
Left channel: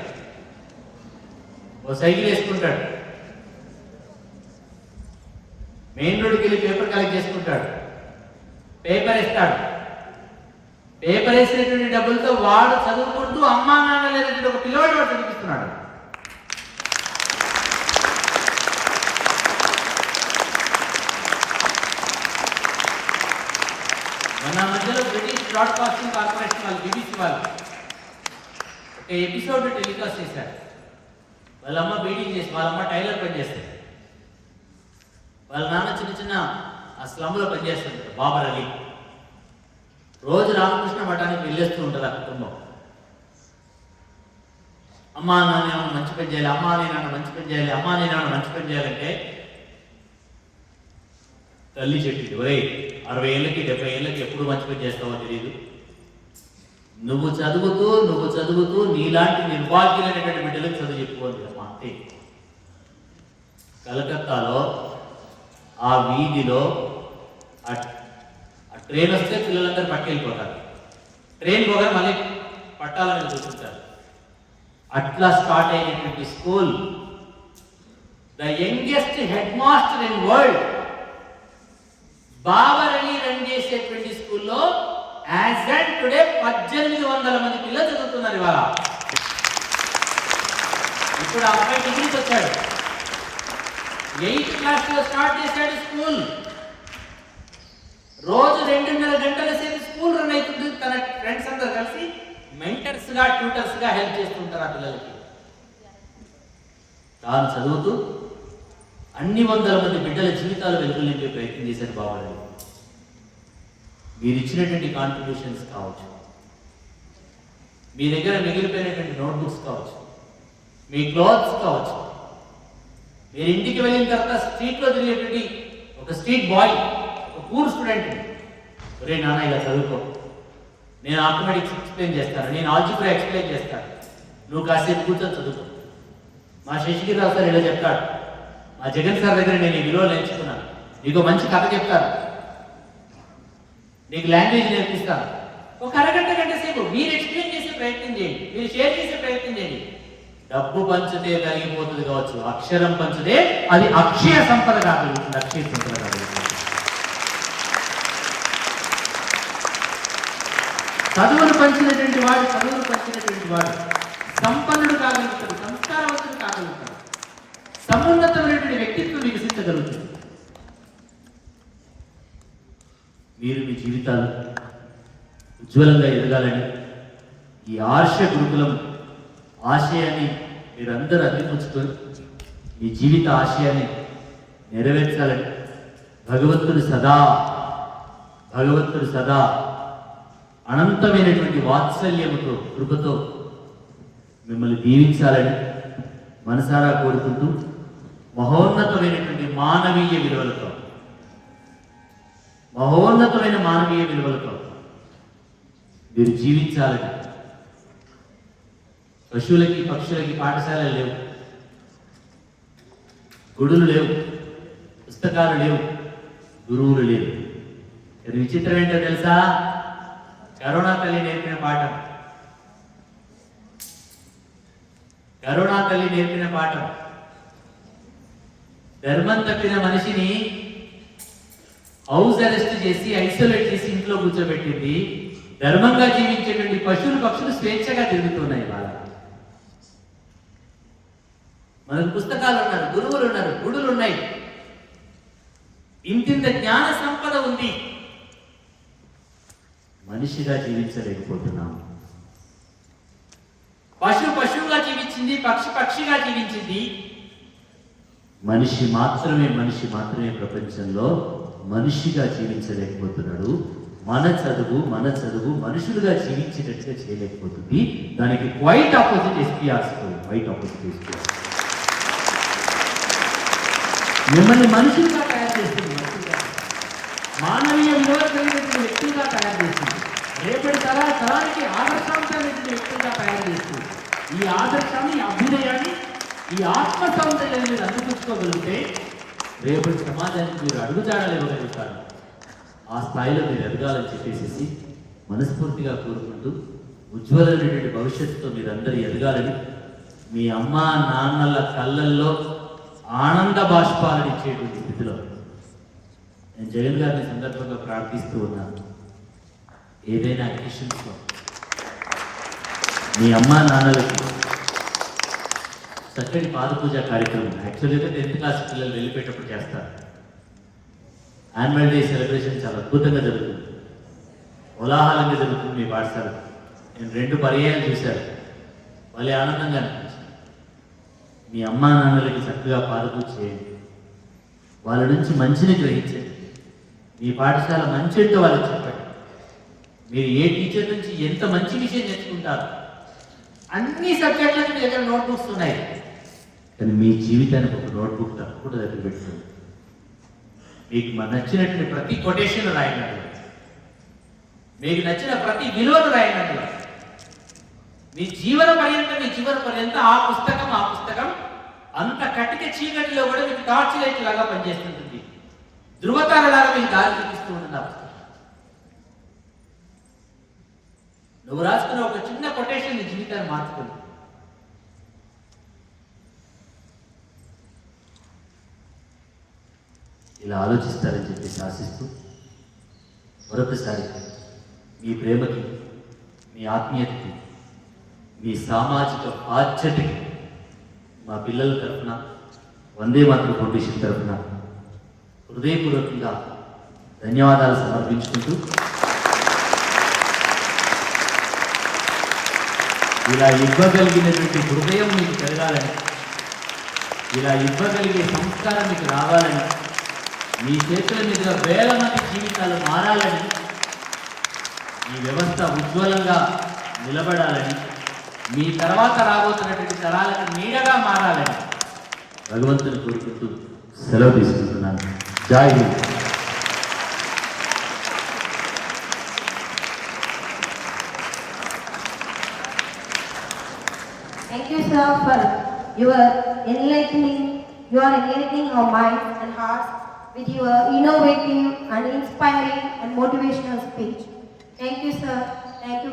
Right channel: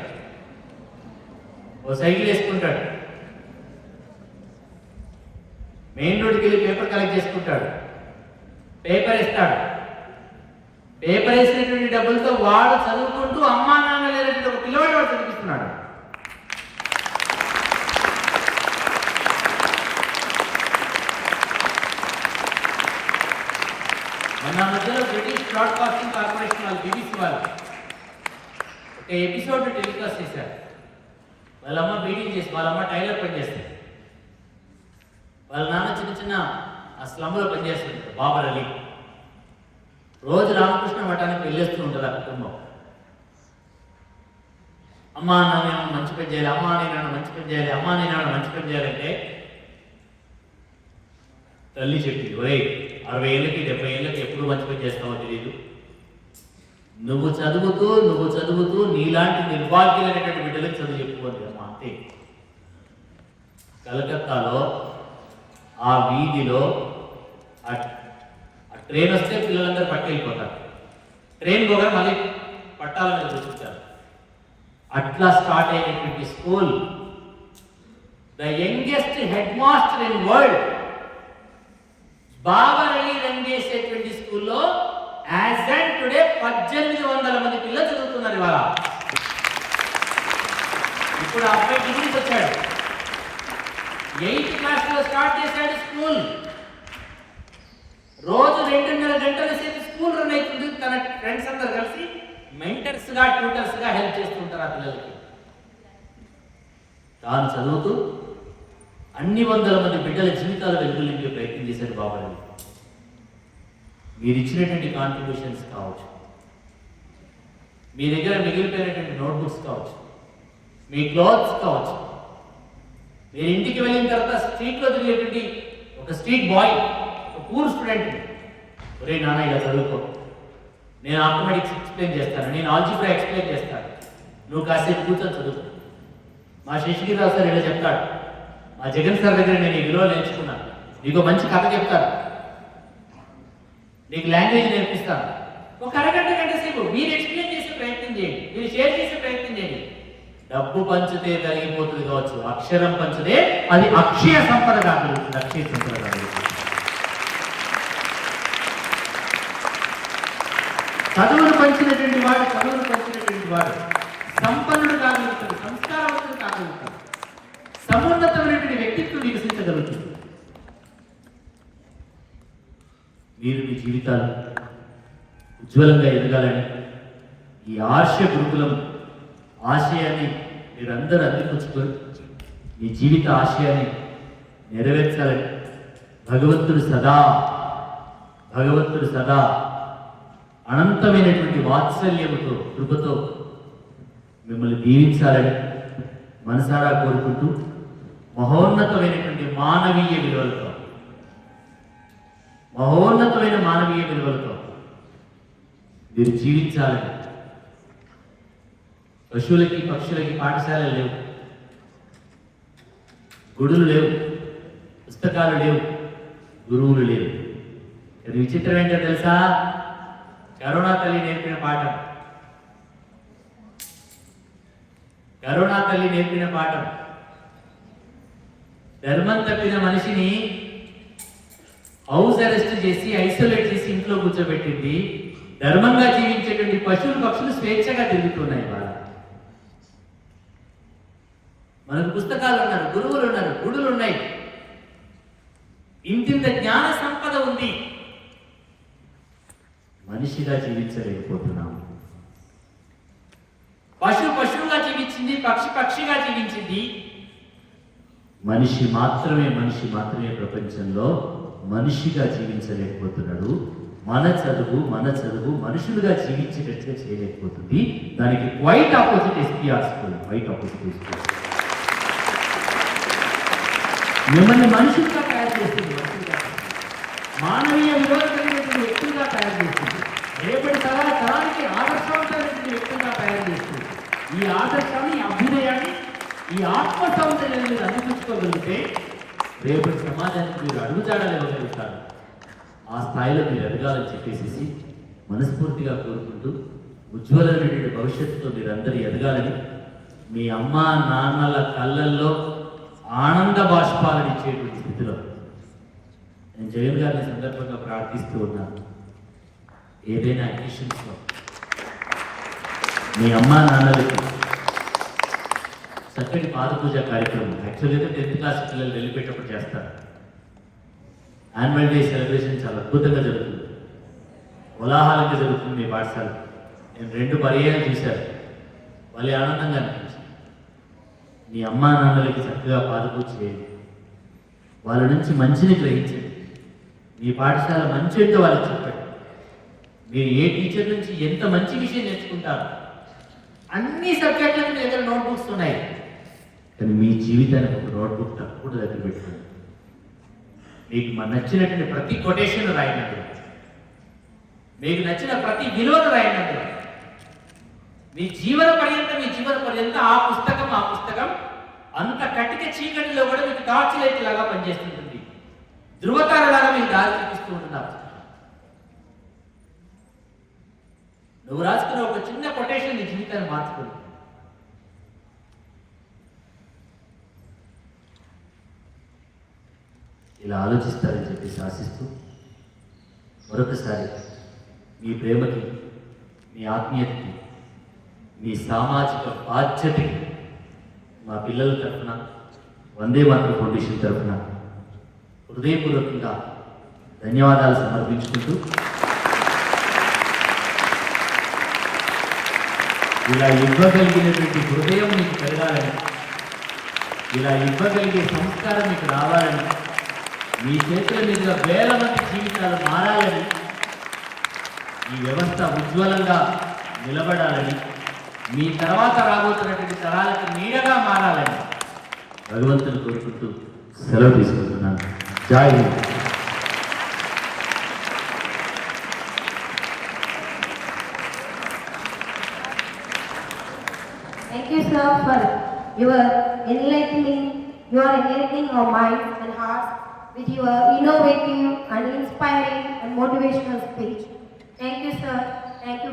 ఓ సైకిల్ వేసుకుంటాడు, మెయిన్ రోడ్కి వెళ్ళి పేపర్ కలెక్ట్ చేసుకుంటాడు, పేపర్ ఇస్తాడు. పేపర్ వేసినటువంటి డబ్బులతో వాడు చదువుకుంటూ అమ్మా నాన్న లేనటువంటి ఒక పిల్లవాడు వాడు చదివిస్తున్నాడు. మన మధ్యలో బ్రిటిష్ బ్రాడ్కాస్టింగ్ కార్పొరేషన్ వాళ్ళు, BBC వాళ్ళు ఒక ఎపిసోడ్ టెలికాస్ట్ చేశారు. వాళ్ళమ్మ బీడింగ్ చేసి, వాళ్ళమ్మ టైలర్ పని చేస్తుంది, వాళ్ళ నాన్న చిన్న ఆ స్లమ్లో పనిచేస్తుంటారు, బాబర్ అలీ. రోజు రామకృష్ణ మఠానికి వెళ్ళేస్తూ ఉంటుంది ఆ కుటుంబం. అమ్మా నాన్న మంచి పని చేయాలి, అమ్మా నేను మంచి పని చేయాలి, అమ్మా నేను మంచి పని చేయాలంటే తల్లి చెప్పింది, ఒరే 60 ఏళ్ళకి 70 ఏళ్ళకి ఎప్పుడు మంచి పని చేస్తావో తెలియదు, నువ్వు చదువుతూ నీలాంటి నిర్భాగ్యులైనటువంటి బిడ్డలకు చదువు చెప్పుకోవద్దు అమ్మా అంతే. కలకత్తాలో ఆ వీధిలో ఆ ట్రైన్ వస్తే పిల్లలందరూ పట్టుకెళ్ళిపోతారు, ట్రైన్ పోగా మళ్ళీ పట్టాల మీద కూర్చుంటారు. అట్లా స్టార్ట్ అయినటువంటి school, the youngest head master in world Babar Ali run చేసేటువంటి స్కూల్లో యాజ్ అండ్ టుడే 1800 మంది పిల్లలు చదువుతున్నారు ఇవాళ. ఇప్పుడు ఆ అబ్బాయి డిగ్రీకి వచ్చాడు, 8th క్లాస్లో స్టార్ట్ చేశాడు స్కూల్. రోజు 2.5 గంటల సేపు స్కూల్ రన్ అవుతుంది. తన ఫ్రెండ్స్ అందరు కలిసి మెంటర్స్గా, ట్యూటర్స్గా హెల్ప్ చేస్తుంటారు ఆ పిల్లలకి. తాను చదువుతూ అన్ని వందల మంది బిడ్డల జీవితాలు వెలుగులు నింపే ప్రయత్నం చేశాడు బాబా. మీరు ఇచ్చినటువంటి కాంట్రిబ్యూషన్స్ కావచ్చు, మీ దగ్గర మిగిలిపోయినటువంటి నోట్బుక్స్ కావచ్చు, మీ క్లాత్స్ కావచ్చు, మీరు ఇంటికి వెళ్ళిన తర్వాత స్ట్రీట్లో తిరిగేటువంటి ఒక స్ట్రీట్ బాయ్, ఒక పూర్ స్టూడెంట్, ఒరే నాన్న ఇలా చదువుకో, నేను ఆటోమేటిక్స్ ఎక్స్ప్లెయిన్ చేస్తాను, నేను ఆల్జిబ్రా ఎక్స్ప్లెయిన్ చేస్తాను, నువ్వు కాసేపు కూర్చొని చదువుకో. మా శశిగిరిరావు సార్ ఇలా చెప్తాడు, మా జగన్ సార్ దగ్గర నేను ఈ విలువలు నేర్చుకున్నాను, నీకు మంచి కథ చెప్తాను, నీకు లాంగ్వేజ్ నేర్పిస్తాను, ఒక అరగంట గంట సేపు మీరు ఎక్స్ప్లెయిన్ చేసే ప్రయత్నం చేయండి, మీరు షేర్ చేసే ప్రయత్నం చేయండి. డబ్బు పంచితే తరిగిపోతుంది కావచ్చు, అక్షరం పంచితే అది అక్షయ సంపద కాగలుగుతుంది, అక్షయ సంపద కాగలుగుతుంది. చదువును పంచినటువంటి వాడు సంపన్నుడు కాగలుగుతాడు, సంస్కారవంతుడు కాగలుగుతాడు, సమున్నతమైనటువంటి వ్యక్తిత్వం వికసించగలుగుతుంది. మీరు మీ జీవితాలు ఉజ్వలంగా ఎదగాలని ఈ ఆర్ష గురుకులం ఆశయాన్ని మీరందరూ అందిపుచ్చుకొని మీ జీవిత ఆశయాన్ని నెరవేర్చాలని భగవంతుడు సదా అనంతమైనటువంటి వాత్సల్యముతో కృపతో మిమ్మల్ని దీవించాలని మనసారా కోరుకుంటూ మహోన్నతమైన మానవీయ విలువలతో మీరు జీవించాలని. పశువులకి పక్షులకి పాఠశాలలు లేవు, గుడులు లేవు, పుస్తకాలు లేవు, గురువులు లేవు. ఇది విచిత్రం ఏంటో తెలుసా? కరోనా తల్లి నేర్పిన పాఠం ధర్మం తప్పిన మనిషిని హౌస్ అరెస్ట్ చేసి ఐసోలేట్ చేసి ఇంట్లో కూర్చోబెట్టింది. ధర్మంగా జీవించేటువంటి పక్షులు స్వేచ్ఛగా తిరుగుతున్నాయి. మనకు పుస్తకాలు ఉన్నారు, గురువులు ఉన్నారు, గుడులు ఉన్నాయి, ఇంతింత జ్ఞాన సంపద ఉంది. మనిషిగా జీవించలేకపోతున్నాము. పశువుగా జీవించింది, పక్షిగా జీవించింది. మనిషి మాత్రమే ప్రపంచంలో మనిషిగా జీవించలేకపోతున్నాడు. మన చదువు మనుషులుగా జీవించేటట్టుగా చేయలేకపోతుంది. దానికి క్వైట్ ఆపోజిట్ ఎస్పీఆర్ స్కూల్, మిమ్మల్ని మనుషులుగా తయారు చేస్తుంది, మానవీయ విలువలు కలిగినటువంటి వ్యక్తులుగా తయారు చేస్తుంది, రేపటి తరానికి ఆదర్శవంతమైనటువంటి వ్యక్తులుగా తయారు చేస్తుంది. ఈ ఆదర్శాన్ని, అభ్యుదయాన్ని, ఈ ఆత్మ సౌందర్యాన్ని మీరు అందిపుచ్చుకోగలిగితే రేపటి సమాజానికి మీరు అడుగుజాడలు ఇవ్వగలుగుతారు. ఆ స్థాయిలో మీరు ఎదగాలని చెప్పేసి మనస్ఫూర్తిగా కోరుకుంటూ ఉజ్వలమైనటువంటి భవిష్యత్తుతో మీరందరూ ఎదగాలని, మీ అమ్మా నాన్నల కళ్ళల్లో ఆనంద బాష్పాలను ఇచ్చేటువంటి స్థితిలో నేను జగన్ గారిని సందర్భంగా ప్రార్థిస్తూ ఉన్నాను. ఏదైనా అకేషన్స్లో మీ అమ్మా నాన్నలకి చక్కటి పాదపూజ కార్యక్రమం, యాక్చువల్గా 10th క్లాస్ పిల్లలు వెళ్ళిపోయేటప్పుడు చేస్తారు. యాన్యువల్ డే సెలబ్రేషన్ చాలా అద్భుతంగా జరుగుతుంది, కోలాహలంగా జరుగుతుంది మీ పాఠశాల. నేను 2 పర్యాయాలు చూశాను, భలే ఆనందంగా అనిపించింది. మీ అమ్మా నాన్నలకి చక్కగా పాదపూజ చేయండి, వాళ్ళ నుంచి మంచిని గ్రహించండి, మీ పాఠశాల మంచి ఏంటో వాళ్ళకి చెప్పండి. మీరు ఏ టీచర్ నుంచి ఎంత మంచి విషయం నేర్చుకుంటారు. అన్ని సబ్జెక్టులకి మీ దగ్గర నోట్బుక్స్ ఉన్నాయి, కానీ మీ జీవితానికి ఒక నోట్బుక్ తప్పకుండా దగ్గర పెట్టుకోండి. మీకు నచ్చినటువంటి ప్రతి కొటేషన్ రాయనండి, మీకు నచ్చిన ప్రతి విలువను రాయనండి. మీ జీవన పర్యంతం ఆ పుస్తకం అంత కట్టిక చీకటిలో కూడా మీకు టార్చ్ లైట్ లాగా పనిచేస్తుంటుంది, ధృవతారలాగా మీకు దారి చూపిస్తూ ఉన్నారు. నువ్వు రాసుకున్న ఒక చిన్న కొటేషన్ నీ జీవితాన్ని మార్చుకుంది. ఇలా ఆలోచిస్తారని చెప్పేసి ఆశిస్తూ మరొకసారి మీ ప్రేమకి, మీ ఆత్మీయతకి, మీ సామాజిక బాధ్యతకి మా పిల్లల తరఫున, వందే మాతరం ఫౌండేషన్ తరఫున హృదయపూర్వకంగా ధన్యవాదాలు సమర్పించుకుంటూ, ఇలా ఇవ్వగలిగినటువంటి హృదయం మీకు పెరగాలని, ఇలా ఇవ్వగలిగే సంస్కారం మీకు రావాలని, మీ చేతుల మీదుగా వేల మంది జీవితాలు మారాలని, ఈ వ్యవస్థ ఉజ్వలంగా నిలబడాలని, మీ తర్వాత రాబోతున్నటువంటి తరాలకు నీడగా మారాలని భగవంతుని కోరుకుంటూ సెలవు తీసుకుంటున్నాను. జై Hind. Thank you, sir, for your enlightening our minds and hearts with your innovative and inspiring and motivational speech. Thank you, sir. Thank you.